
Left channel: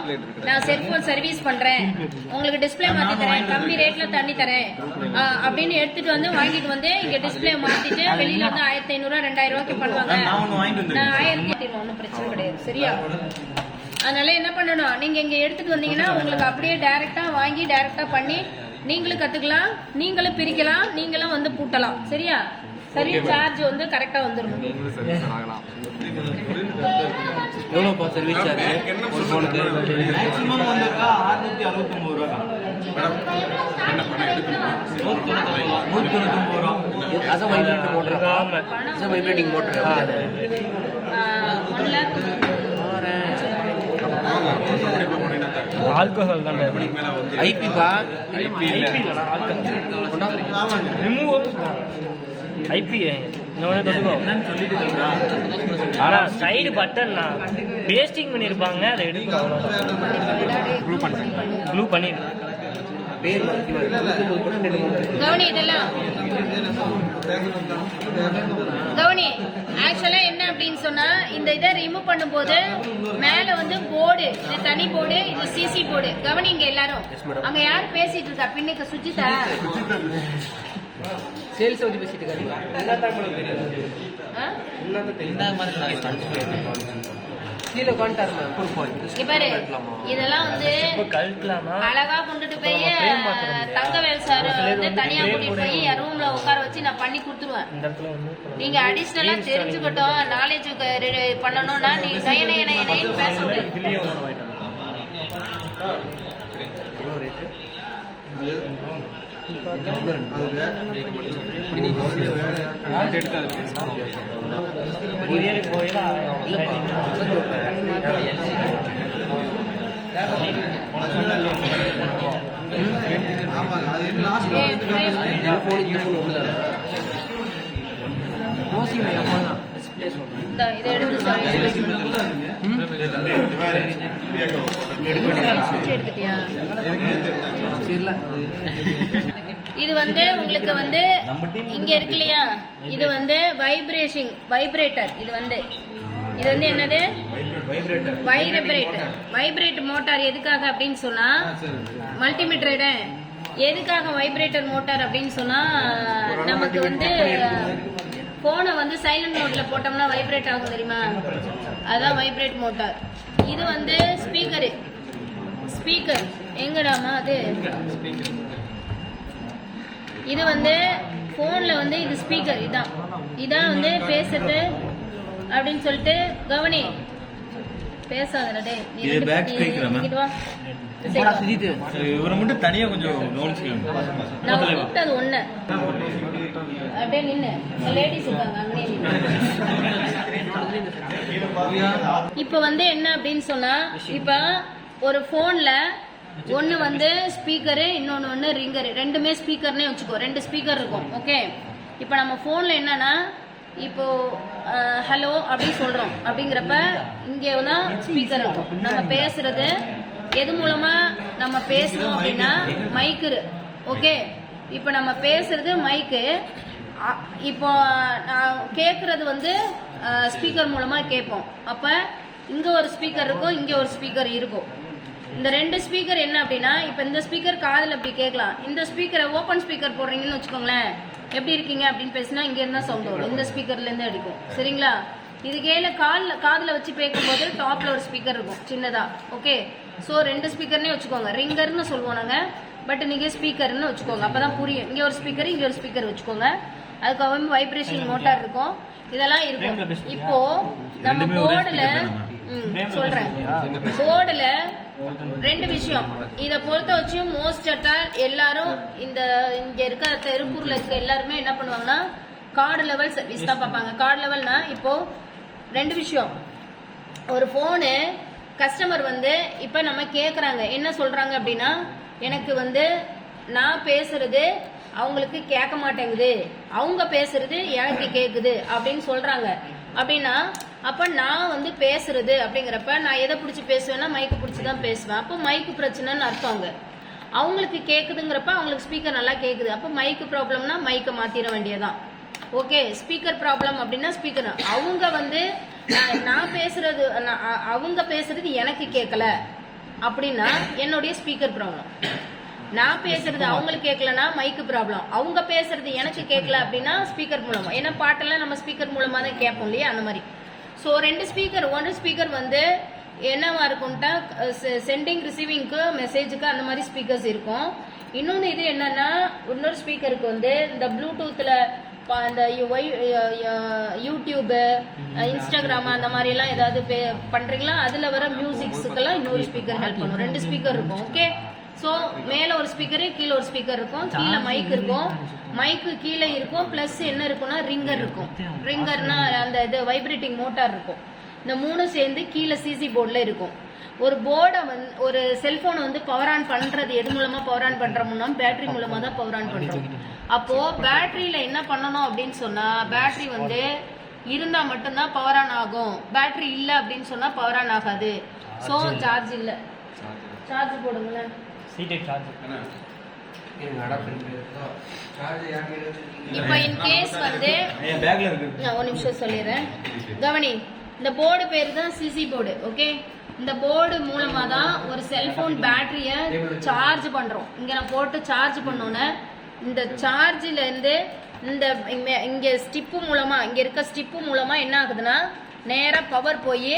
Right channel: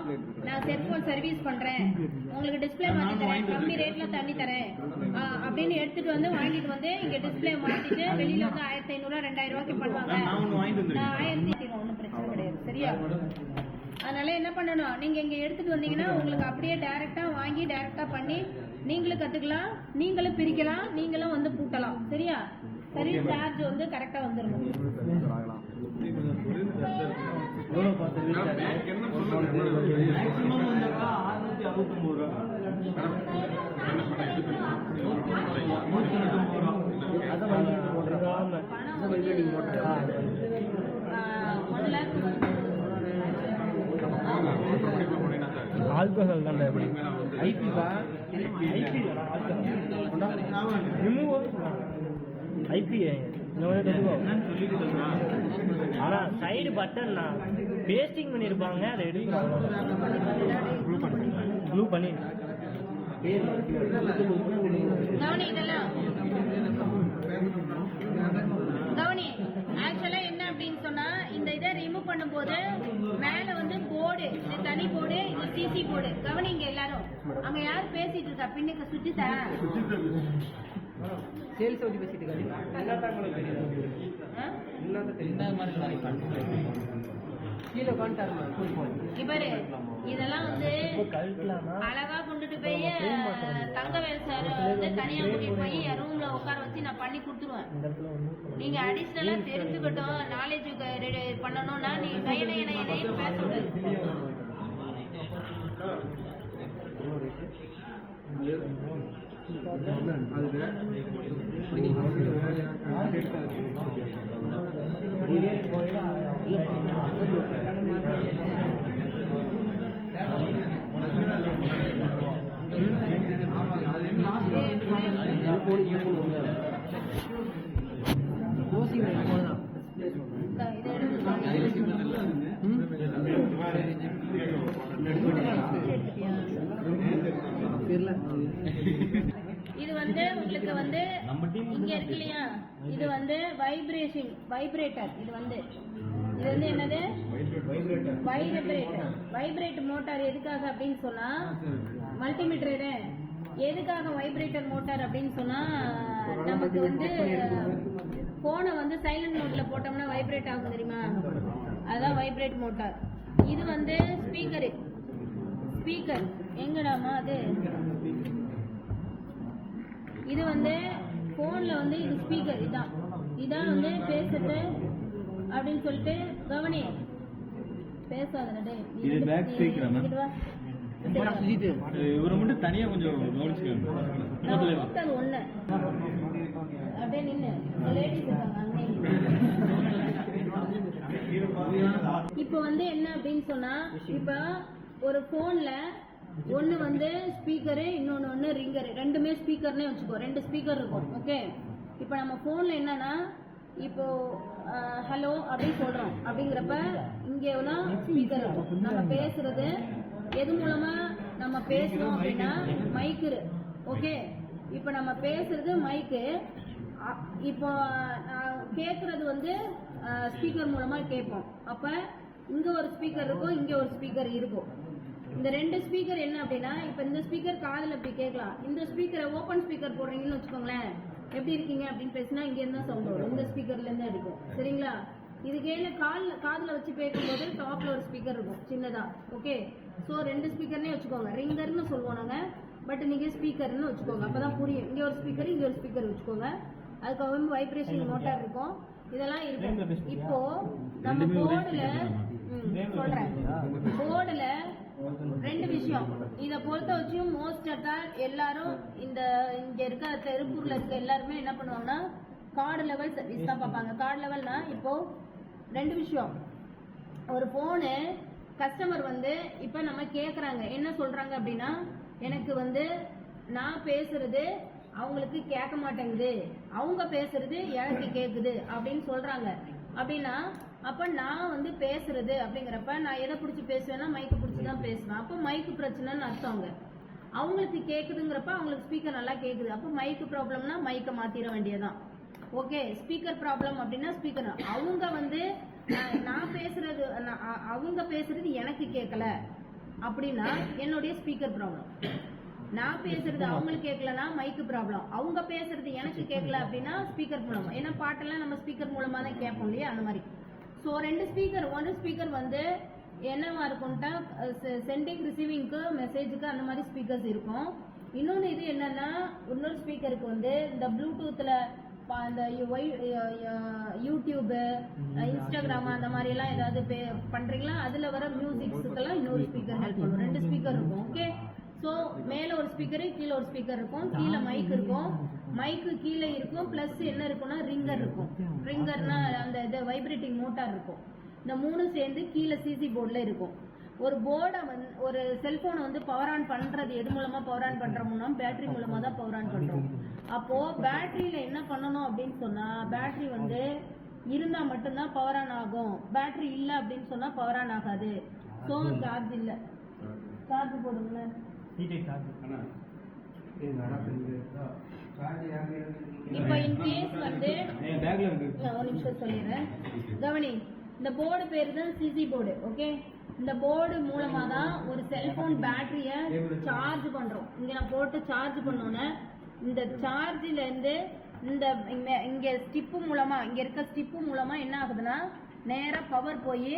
நான் செல்போன் சர்வீஸ் பண்றேன் உங்களுக்கு டிஸ்பிளே மாத்தி தரேன் கம்மி ரேட்ல தண்ணி தரேன் அப்படின்னு எடுத்துட்டு வந்து வாங்கிட்டு வந்து இங்க டிஸ்பிளே மாத்திட்டு வெளியில வந்து 1500 2000 ரூபாய்க்கு பண்ணுவாங்க நான் 1000 ஒன்றும் பிரச்சனை கிடையாது சரியா அதனால என்ன பண்ணணும் நீங்க இங்க எடுத்துட்டு வந்தீங்கன்னா உங்களுக்கு அப்படியே டைரக்டா வாங்கி டைரக்டா பண்ணி நீங்களும் கத்துக்கலாம் நீங்களும் பிரிக்கலாம் நீங்களும் வந்து பூட்டலாம் சரியா சர்வீஸ் சார்ஜ் வந்து கரெக்டா வந்துடும் எவ்வளோப்பா சர்வீஸ் சார்ஜ் ஒரு ஃபோனுக்கு மேக்ஸிமம் வந்திருக்கா 669 ரூபா அது வைப்ரேட் மோட்டர் ஆமா அது வைப்ரேட்டிங் மோட்டர் ஆல்கஹால் தான் ஐபிபா ஐபி இல்லடா ஆல்கஹால் ரிமூவ் ஐபி ஆனா சைடு பட்டன்னா பேஸ்டிங் பண்ணிருப்பாங்க அதை எடுத்து ப்ளூ பண்ணிரு கவனி இதெல்லாம் கவனி ஆக்சுவலா என்ன அப்படின்னு சொன்னா இந்த இதை ரிமூவ் பண்ணும்போது மேல வந்து போர்டு இது தனி போர்டு இது சிசி போர்டு கவனிங்க எல்லாரும் அங்க யார் பேசிட்டு இருக்கா பின்னுக்கு சுஜிதா சேல்ஸ் வந்து பேசிட்டு இருக்காங்க கீழே உட்காந்துட்டாரு பாரு இதெல்லாம் வந்து அழகா கொண்டுட்டு போய் தங்கவேல் சார் வந்து தனியா கூட்டிட்டு போய் ரூம்ல உட்கார வச்சு நான் பண்ணி கொடுத்துருவேன் நீங்க அடிஷனலா தெரிஞ்சுக்கிட்டோம் நாலேஜ் பண்ணணும்னா நீங்க நயனைன்னு பேச முடியாது இதை எடுத்து எடுத்துட்டியா இது வந்து உங்களுக்கு வந்து இங்க இருக்கு இல்லையா இது வந்து வைப்ரேட்டர் இது வந்து என்னது வைப்ரேட் மோட்டார் எதுக்காக அப்படின்னு சொன்னா மல்டிமீட்டர் எதுக்காக வைப்ரேட்டர் மோட்டார் அப்படின்னு சொன்னா நமக்கு வந்து போனை வந்து சைலண்ட் மோட்ல போட்டோம்னா வைப்ரேட் ஆகும் தெரியுமா அதான் வைப்ரேட் மோட்டார் இது வந்து ஸ்பீக்கர் எங்கடாமா அது இது வந்து போன்ல வந்து இது ஸ்பீக்கர் இதான் வந்து பேசுறது அப்படின்னு சொல்லிட்டு கவனி பேசாதடா டேய் இது பேக் ஸ்பீக்கரா இவரை மட்டும் தனியா கொஞ்சம் நான் கூப்பிட்டது ஒண்ணு அப்படியே நின்னு லேடிஸ் இருக்காங்க அங்கனே இப்ப வந்து என்ன அப்படின்னு சொன்னா இப்ப ஒரு போன்ல ஒன்னு வந்து ஸ்பீக்கரு இன்னொன்னு வந்து ரிங்கரு ரெண்டுமே ஸ்பீக்கர்னே வச்சுக்கோ 2 ஸ்பீக்கர் இருக்கும் ஓகே இப்போ நம்ம போன்ல என்னன்னா இப்போ ஹலோ அப்படின்னு சொல்றோம் அப்படிங்கிறப்ப இங்கே தான் ஸ்பீக்கர் இருக்கும் நம்ம பேசுறது எது மூலமா நம்ம பேசுறோம் அப்படின்னா மைக்கு ஓகே இப்போ நம்ம பேசுறது மைக்கு இப்போ நான் கேட்கறது வந்து ஸ்பீக்கர் மூலமா கேட்போம் அப்ப இங்க ஒரு ஸ்பீக்கர் இருக்கும் இங்க ஒரு ஸ்பீக்கர் இருக்கும் இந்த 2 ஸ்பீக்கர் என்ன அப்படின்னா இப்ப இந்த ஸ்பீக்கர் காதுல அப்படி கேட்கலாம் இந்த ஸ்பீக்கரை ஓபன் ஸ்பீக்கர் போடுறீங்கன்னு வச்சுக்கோங்களேன் எப்படி இருக்கீங்க அப்படின்னு பேசினா இங்க இருந்தா சவுண்ட் வரும் இந்த ஸ்பீக்கர்ல இருந்து அடிக்கும் சரிங்களா இது கேல காதுல வச்சு பேக்கும்போது டாப்ல ஒரு ஸ்பீக்கர் இருக்கும் சின்னதா ஓகே சோ 2 ஸ்பீக்கர்னே வச்சுக்கோங்க ரிங்கர்னு சொல்லுவோம் நாங்க பட் நீங்க ஸ்பீக்கர்னு வச்சுக்கோங்க அப்பதான் புரியும் இங்க ஒரு ஸ்பீக்கர் இங்க ஒரு ஸ்பீக்கர் வச்சுக்கோங்க அதுக்கு வைப்ரேஷன் மோட்டார் இருக்கும் இதெல்லாம் இருக்கும் இப்போ நம்ம போர்டுல சொல்றேன் போர்டுல 2 விஷயம் இத பொறுத்த வச்சு மோஸ்ட் எல்லாரும் இங்க இருக்க திருப்பூர்ல இருக்க எல்லாருமே என்ன பண்ணுவாங்கன்னா கார்டு லெவல் சர்வீஸ் தான் பார்ப்பாங்க கார்டு லெவல்னா இப்போ 2 விஷயம் ஒரு போனு கஸ்டமர் வந்து இப்ப நம்ம கேக்குறாங்க என்ன சொல்றாங்க அப்படின்னா எனக்கு வந்து நான் பேசுறது அவங்களுக்கு கேட்க மாட்டேங்குது அவங்க பேசுறது எனக்கு கேக்குது அப்படின்னு சொல்றாங்க அப்படின்னா அப்ப நான் வந்து பேசுறது அப்படிங்கிறப்ப நான் எதை பிடிச்சி பேசுவேன்னா மைக்கு பிடிச்சி தான் பேசுவேன் அப்போ மைக்கு பிரச்சனைன்னு அர்த்தம் அவங்களுக்கு கேட்குதுங்கிறப்ப அவங்களுக்கு ஸ்பீக்கர் நல்லா கேட்குது. அப்போ மைக்கு ப்ராப்ளம்னா மைக்கை மாற்றிட வேண்டியதான். ஓகே, ஸ்பீக்கர் ப்ராப்ளம் அப்படின்னா ஸ்பீக்கர் அவங்க வந்து நான் பேசுறது அவங்க பேசுறது எனக்கு கேட்கல அப்படின்னா என்னுடைய ஸ்பீக்கர் ப்ராப்ளம். நான் பேசுறது அவங்களுக்கு கேட்கலன்னா மைக்கு ப்ராப்ளம். அவங்க பேசுறது எனக்கு கேட்கல அப்படின்னா ஸ்பீக்கர் மூலமா. ஏன்னா பாட்டெல்லாம் நம்ம ஸ்பீக்கர் மூலமா தான் கேட்போம் இல்லையா, அந்த மாதிரி. ஸோ ரெண்டு ஸ்பீக்கர், ஒன்று ஸ்பீக்கர் வந்து என்னவா இருக்கும்ட்டா சென்டிங் ரிசீவிங்க்கு மெசேஜுக்கு அந்த மாதிரி ஸ்பீக்கர்ஸ் இருக்கும். இன்னொன்று இது என்னன்னா, இன்னொரு ஸ்பீக்கருக்கு வந்து இந்த ப்ளூடூத்தில் இந்த யூடியூபு, இன்ஸ்டாகிராம் அந்த மாதிரிலாம் ஏதாவது பண்ணுறீங்களா, அதில் வர மியூசிக்ஸுக்கெல்லாம் இன்னொரு ஸ்பீக்கர் ஹெல்ப் பண்ணும். ரெண்டு ஸ்பீக்கர் இருக்கும். ஓகே, ஸோ மேலே ஒரு ஸ்பீக்கரு, கீழே ஒரு ஸ்பீக்கர் இருக்கும், கீழே மைக் இருக்கும், மைக்கு கீழே இருக்கும், ப்ளஸ் என்ன இருக்குன்னா ரிங்கர் இருக்கும். ரிங்கர்னா அந்த இது வைப்ரேட்டிங் மோட்டார் இருக்கும். இந்த மூணு சேர்ந்து கீழே சிசி போர்டில் இருக்கும். ஒரு போர்டை வந்து ஒரு செல்போனை வந்து பவர் ஆன் பண்ணுறது எது மூலமாக பவர் ஆன் பண்ணுறோம்னா பேட்டரி மூலமாக தான் பவர் ஆன் பண்ணுறோம். அப்போது பேட்டரியில் என்ன பண்ணணும் அப்படின்னு சொன்னால், பேட்டரி வந்து இருந்தால் மட்டும்தான் பவர் ஆன் ஆகும். பேட்டரி இல்லை அப்படின்னு சொன்னால் பவர் ஆன் ஆகாது. ஸோ சார்ஜ் இல்லை, சார்ஜ் போடுங்களேன். இப்போ இன் கேஸ் வந்து ஒரு நிமிஷம் சொல்லிடுறேன், கவனி. இந்த போர்டு பேர் தான் சிசி போர்டு. ஓகே, இந்த போர்டு மூலமா தான் ஒரு செல்போன் பேட்டரியை சார்ஜ் பண்றோம். இங்க நான் போட்டு சார்ஜ் பண்ணோன்னே இந்த சார்ஜில இருந்து இந்த இங்க ஸ்டிப்பு மூலமா, இங்க இருக்க ஸ்டிப்பு மூலமா என்ன ஆகுதுன்னா நேரா பவர் போய்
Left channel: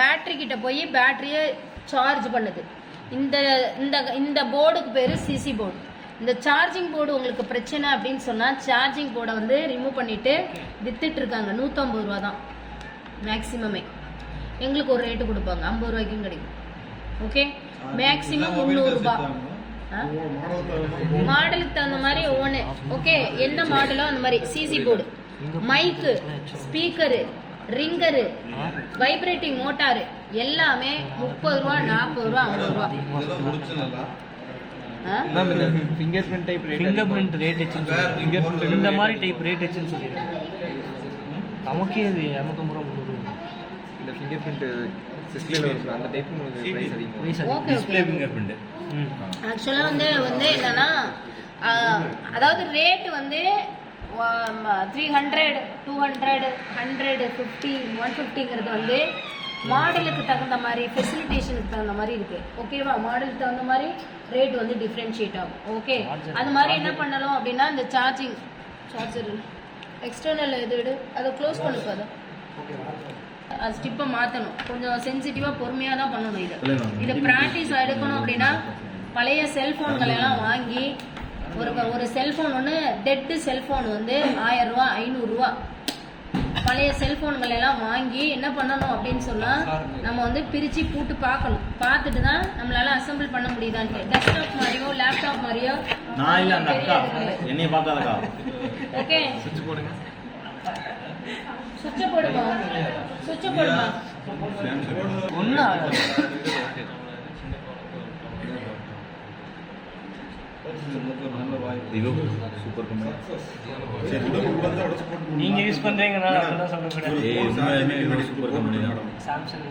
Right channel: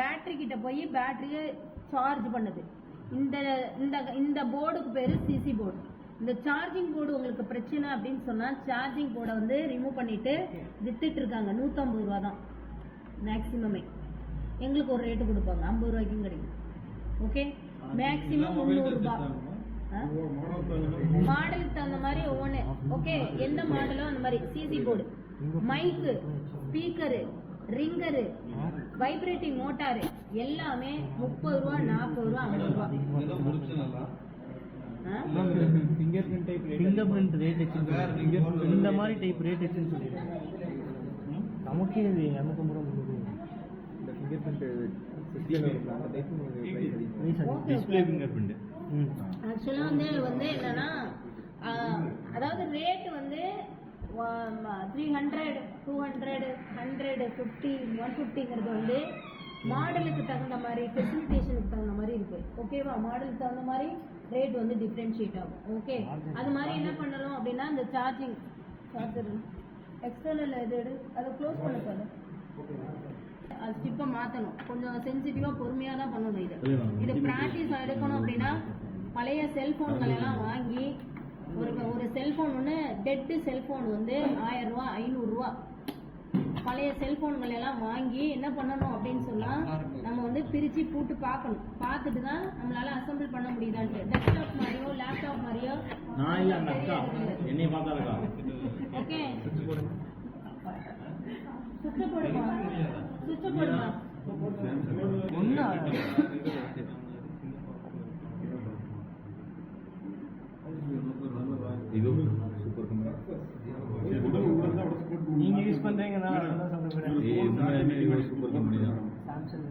பேட்டரி கிட்ட போய் பேட்டரியை சார்ஜ் பண்ணுது. இந்த இந்த இந்த போர்டுக்கு பேரு சிசி போர்டு. இந்த சார்ஜிங் போர்டு உங்களுக்கு பிரச்சனை அப்படின்னு சொன்னா சார்ஜிங் போர்டை வந்து ரிமூவ் பண்ணிட்டு வித்துட்டு இருக்காங்க. 150 ரூபா தான் மேக்சிமமே. எங்களுக்கு ஒரு ரேட்டு கொடுப்பாங்க, 50 ரூபாய்க்கும் கிடைக்கும். ஓகே, மேக்சிமம் 300 ரூபாய். மாடலுக்கு தகுந்த மாதிரி ஒவ்வொன்று. ஓகே, என்ன மாடலோ அந்த மாதிரி. சிசி போர்டு, மைக்கு, ஸ்பீக்கரு, ரிங்கரு, வைப்ரேட்டிங் மோட்டாரு எல்லாமே 30 ரூபா, 40 ரூபா, 50 ரூபா. ஃபிங்கர் பிரிண்ட் ரேட் இந்த மாதிரி டைப் ரேட் வச்சுன்னு சொல்லிடுறேன். நமக்கே இது 250 ரூபா, 300 ரூபா. இந்த ஃபிங்கர் பிரிண்ட் டிஸ்ப்ளேல வரும் அந்த டைப் உங்களுக்கு பிரைஸ் அதிகம். டிஸ்ப்ளே ஃபிங்கர் பிரிண்ட் ஆக்சுவலா வந்து என்னன்னா, அதாவது ரேட் வந்து 300, 200, 100, 50, 150ங்கிறது வந்து மாடலுக்கு தகுந்த மாதிரி, ஃபெசிலிட்டேஷனுக்கு தகுந்த மாதிரி இருக்கு. ஓகேவா, மாடலுக்கு தகுந்த மாதிரி ரேட் வந்து டிஃப்ரென்ஷியேட் ஆகும். ஓகே, அது மாதிரி என்ன பண்ணலாம் அப்படின்னா, இந்த சார்ஜர் எக்ஸ்டர்னல் இது அதை க்ளோஸ் பண்ணுப்பா. அது ஸ்டிப்பை மாற்றணும். கொஞ்சம் சென்சிட்டிவாக பொறுமையாக தான் பண்ணணும். இதை ப்ராக்டிஸ் எடுக்கணும் அப்படின்னா பழைய செல்ஃபோன்கள் எல்லாம் வாங்கி ஒரு செல்ஃபோன் ஒன்று டெட்டு செல்ஃபோன் வந்து 1000 ரூபா, 500 ரூபா. பழைய செல்ஃபோன்கள் எல்லாம் வாங்கி என்ன பண்ணணும் அப்படின்னு சொன்னால் நம்ம வந்து பிரித்து பூட்டு பார்க்கணும். பார்த்துட்டு தான் நம்மளால அசம்பிள் பண்ண முடியுதான்ட்டு. டெஸ்க்டாப் மாதிரியோ லேப்டாப் மாதிரியோ. ஓகே, சுவிட்சை போடுமா, சுவிட்சை போடுமா. ஒன்றும் நீங்க யூஸ் பண்றீங்கனால அப்படிதான் சொல்லக்கூடாது. சாம்சங்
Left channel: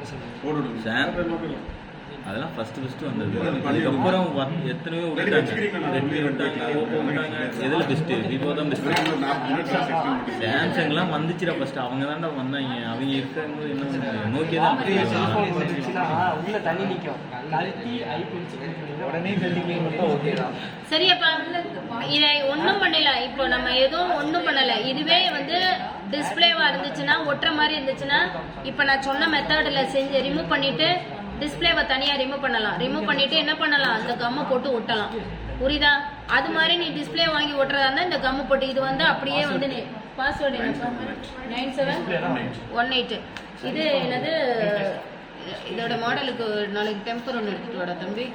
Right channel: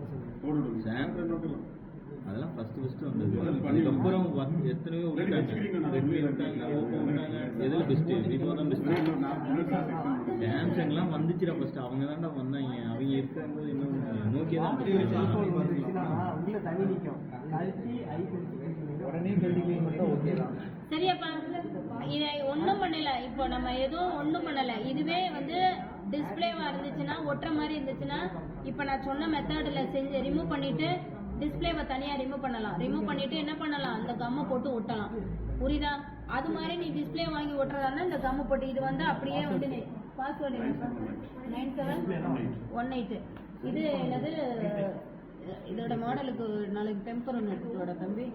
அதெல்லாம் ஃபர்ஸ்ட் வந்தது. அதுக்கப்புறம் எத்தனையோ விட்டாங்க, ரெட்மி விட்டாங்க, ஓப்போ விட்டாங்க. எதில் பெஸ்ட்டு? விவோ தான் பெஸ்ட்டு. சாம்சங்லாம் வந்துச்சுடா ஃபர்ஸ்ட். அவங்க தான்டா வந்தாங்க. அவங்க இருக்கும்போது என்ன நோக்கியா தான் செல்ஃபோன் வந்துச்சுன்னா உள்ள தண்ணி நிற்கும். கழட்டி உடனே கழட்டி மட்டும் ஓகே தான். சரியாப்பா, இதை ஒன்றும் பண்ணல. இப்போ நம்ம எதுவும் ஒன்றும் பண்ணல. இதுவே வந்து டிஸ்பிளேவா இருந்துச்சுன்னா, ஒட்டுற மாதிரி இருந்துச்சுன்னா, இப்போ நான் சொன்ன மெத்தடில் செஞ்சு ரிமூவ் பண்ணிட்டு டிஸ்பிளேவை தனியாக ரிமூவ் பண்ணலாம். ரிமூவ் பண்ணிட்டு என்ன பண்ணலாம், அந்த கம்மை போட்டு ஒட்டலாம். புரியுதா? அது மாதிரி நீ டிஸ்பிளே வாங்கி ஒட்டுறதா இருந்தால் இந்த கம்மு போட்டு இது வந்து அப்படியே வந்து பாஸ்வேர்டு என்னப்பா 9718. இது என்னது, இதோட மாடலுக்கு நாளைக்கு டெம்பர் ஒன்று எடுத்துட்டு வாடா தம்பி.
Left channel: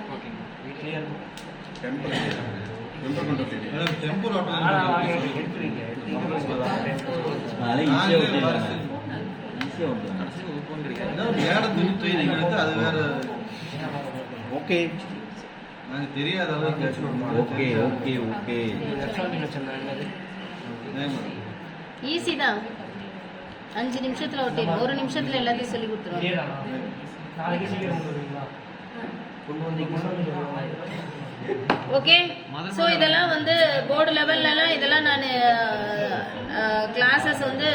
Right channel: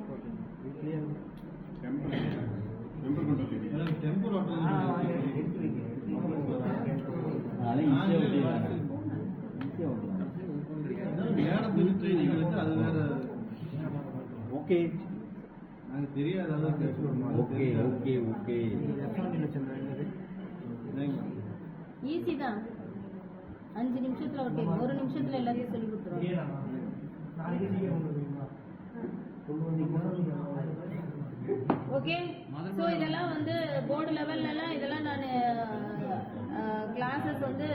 ஓகே, எனக்கு தெரியாத அளவுக்கு. ஓகே ஓகே ஓகே, ஈஸி தான். 5 நிமிஷத்துல ஒட்டிடும். 1 நிமிஷத்துல எல்லாத்தையும் சொல்லி கொடுத்துருவாங்க. நாளைக்கு சீக்கிரம் கொண்டு வந்தீங்களா? கொண்டு வந்தீங்கன்னா ஓகே. ஸோ இதெல்லாம் வந்து போர்டு லெவல்லலாம் இதெல்லாம் நான் கிளாஸஸ் வந்து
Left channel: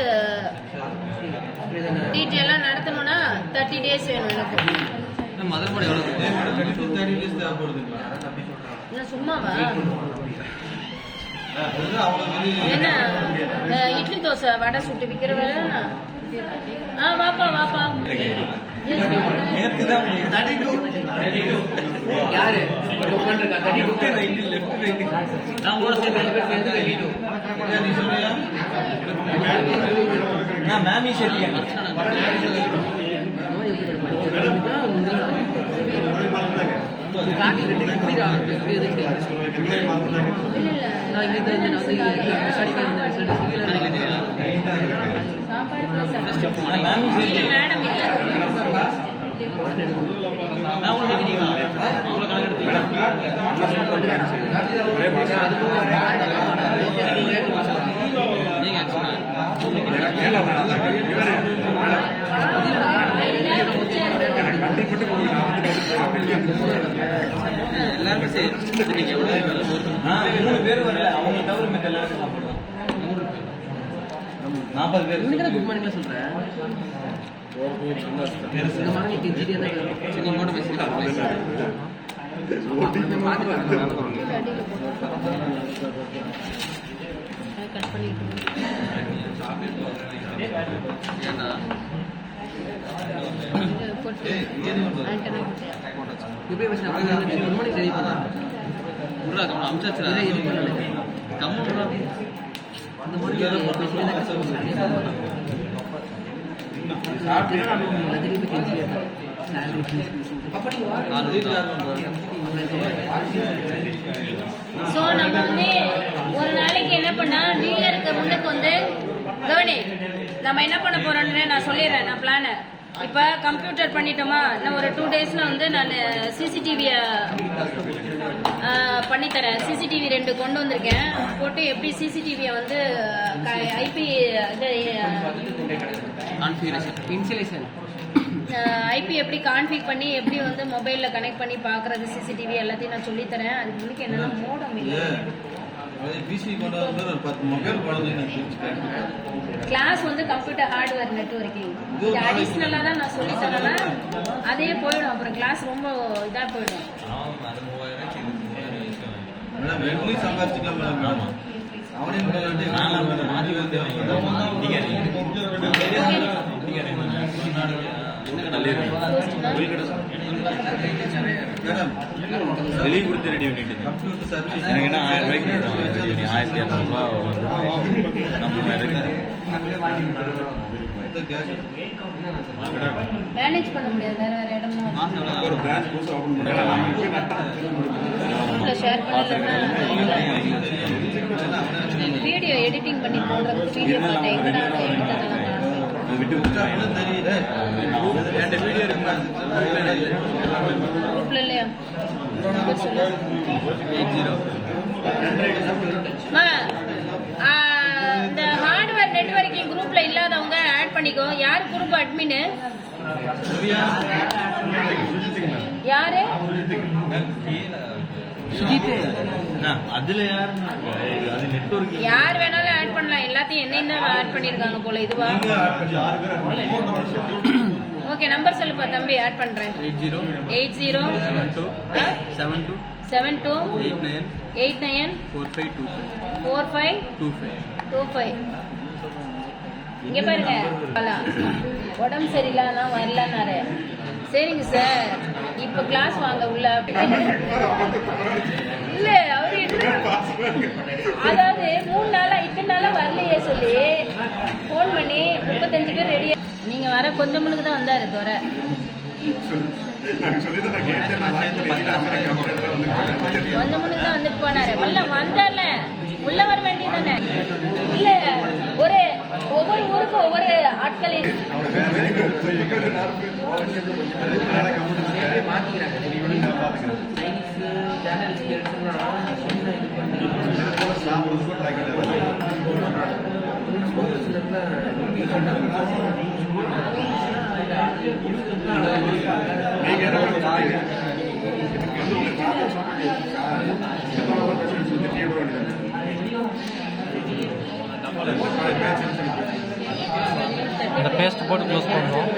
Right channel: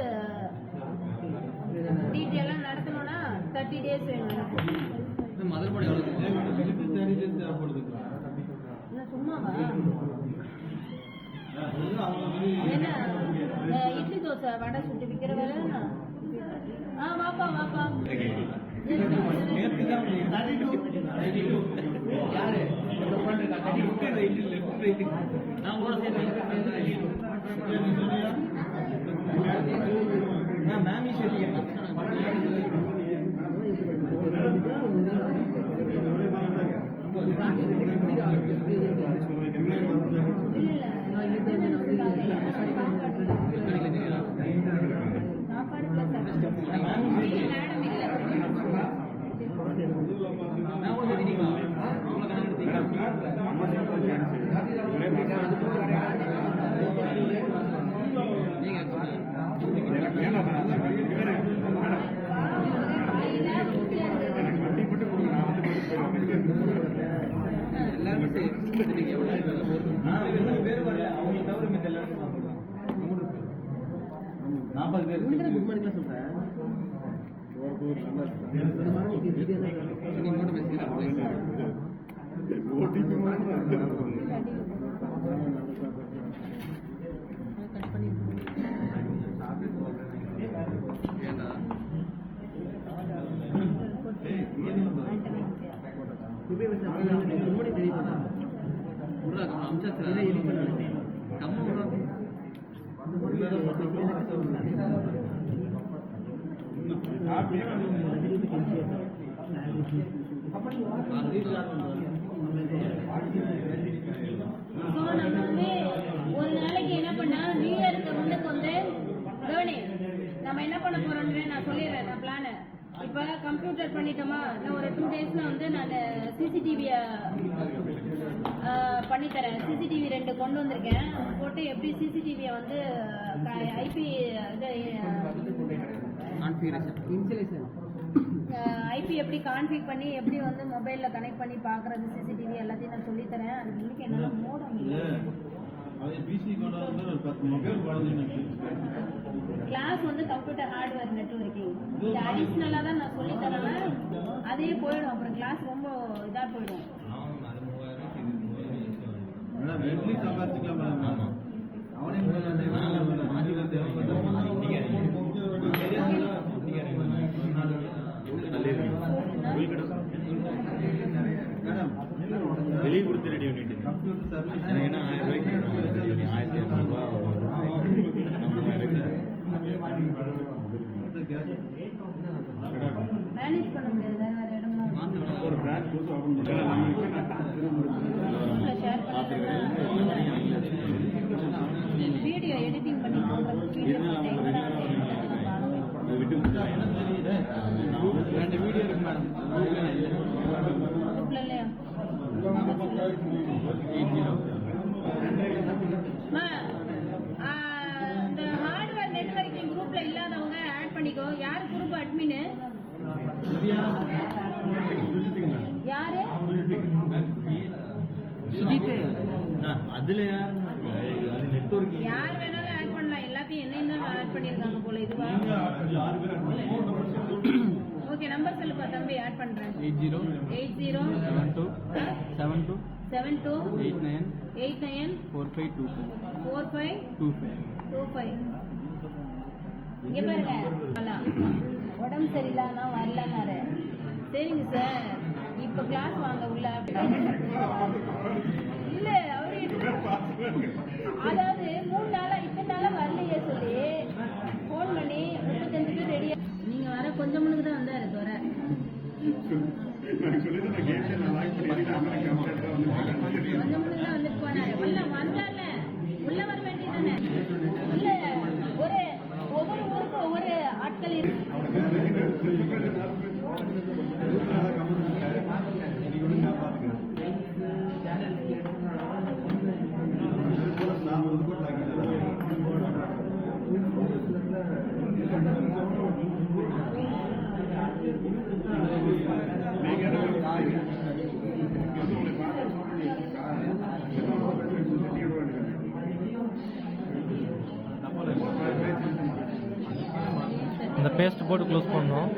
டீட்டெயிலாக நடத்தணும்னா 30 days வேணும் எனக்கு. இன்னும் சும்மாவா என்ன இட்லி தோசை வடை சுட்டு விற்கிற வேலை? வாப்பா வாப்பா. யாரு மேமி எல்லாருமே சரி 3 பேர் வர அவங்க தவிர மத்த எல்லாரும் சாப்பிடுவாங்க. 40 பேர் இன்னைக்கு குட் மார்னிங்ல சொல்றேன். இந்த மாதிரி இன்ஜினியர் தான் சரி இங்கோட பேசிக்கலாம். நம்ம பாத்துக்கலாம். கட் பண்ணிட்டு ஏன்னா இப்படி பேசினா குட் மார்னிங் ரெடி பண்ணா உள்ள அம்சாச்சா இது பண்ணல கம்முடா அந்த மாதிரி ஸோ நம்ம வந்து ஒரு நாளைக்கு என்ன பண்ணா நியூ இயருக்கு முன்னுக்கு வந்து கவனி நம்ம என்ன பண்ண போறோம்னு நான் சொல்லிடுறேன். நான் பிளானை இப்போ கம்ப்யூட்டர் பண்ணிட்டோமா, இன்னும் ஒரு 2 daysல வந்து நான் சிசிடிவியை பண்ணித்தரேன். சிசிடிவி 2 கொண்டு வந்திருக்கேன். போட்டு எப்படி சிசிடிவியை வந்து ஐபி ஐபி எப்படி கான்ஃபிக் பண்ணி எப்படி வந்து மொபைலில் கனெக்ட் பண்ணி பார்க்குறது சிசிடிவி எல்லாத்தையும் நான் சொல்லித்தரேன். அதுக்கு முன்னாடி என்னென்னா மோடம் இல்லை கிளாஸ் வந்து கம்ப்யூட்டர் ஹார்ட்வேர் நெட்வொர்க்கிங் இது அடிஷ்னலாக தான் நான் சொல்லி தரேன். அதே போயிடும், அப்புறம் கிளாஸ் ரொம்ப இதாக போயிடும். வெளியே கொடுத்து ரெடி பண்ணிட்டு எனக்கு என்ன 1000 ரூபாய்க்கு 1200 மேனேஜ் பண்ண முடியாது. வேற இடமும் ஷேர் பண்ணலன்னா வீடியோ எடிட்டிங் பண்ணி போடுறது வீடியோ குரூப்ல இல்லையா? இந்த ஹார்ட்வேர் நெட்வொர்க்கிங் குரூப்ல இல்லாதவங்க ஆட் பண்ணிக்கோ. யார் குரூப் அட்மின்? யாரு? அதுல யார் வேணாலும் ஆட் பண்ணலாம். எல்லாத்தையும் என்ன ஆட் பண்ணிருக்காங்க போல. இதுவா? ஓகே, நம்பர் சொல்லுப்பா தம்பி, ஆட் பண்றேன். 80 72 89 4525. இங்க பாருங்க, உடம்பு சரியில்லைன்னா வரலன்னாரு. சரிங்க சார், இப்ப கிளாஸ் வாங்க உள்ள. இல்ல அவரு அதாவது 3 நாளா இத்தனை நாளா வரலையே சொல்லி போன் பண்ணி 35 பேர் ரெடியா. நீங்க வர கொஞ்சம் முன்னுக்கு தான் வந்தாரு தவிர கொஞ்சம் முன்னுக்கு தான் வந்துட்டு போனாரு. உள்ள வந்தால உள்ள வர வேண்டியதானே? இல்ல ஒவ்வொரு ஊருக்கும் ஒவ்வொரு ஆட்கள் ஹையஸ்ட் போட்டு க்ளோஸ் பண்ணணும்.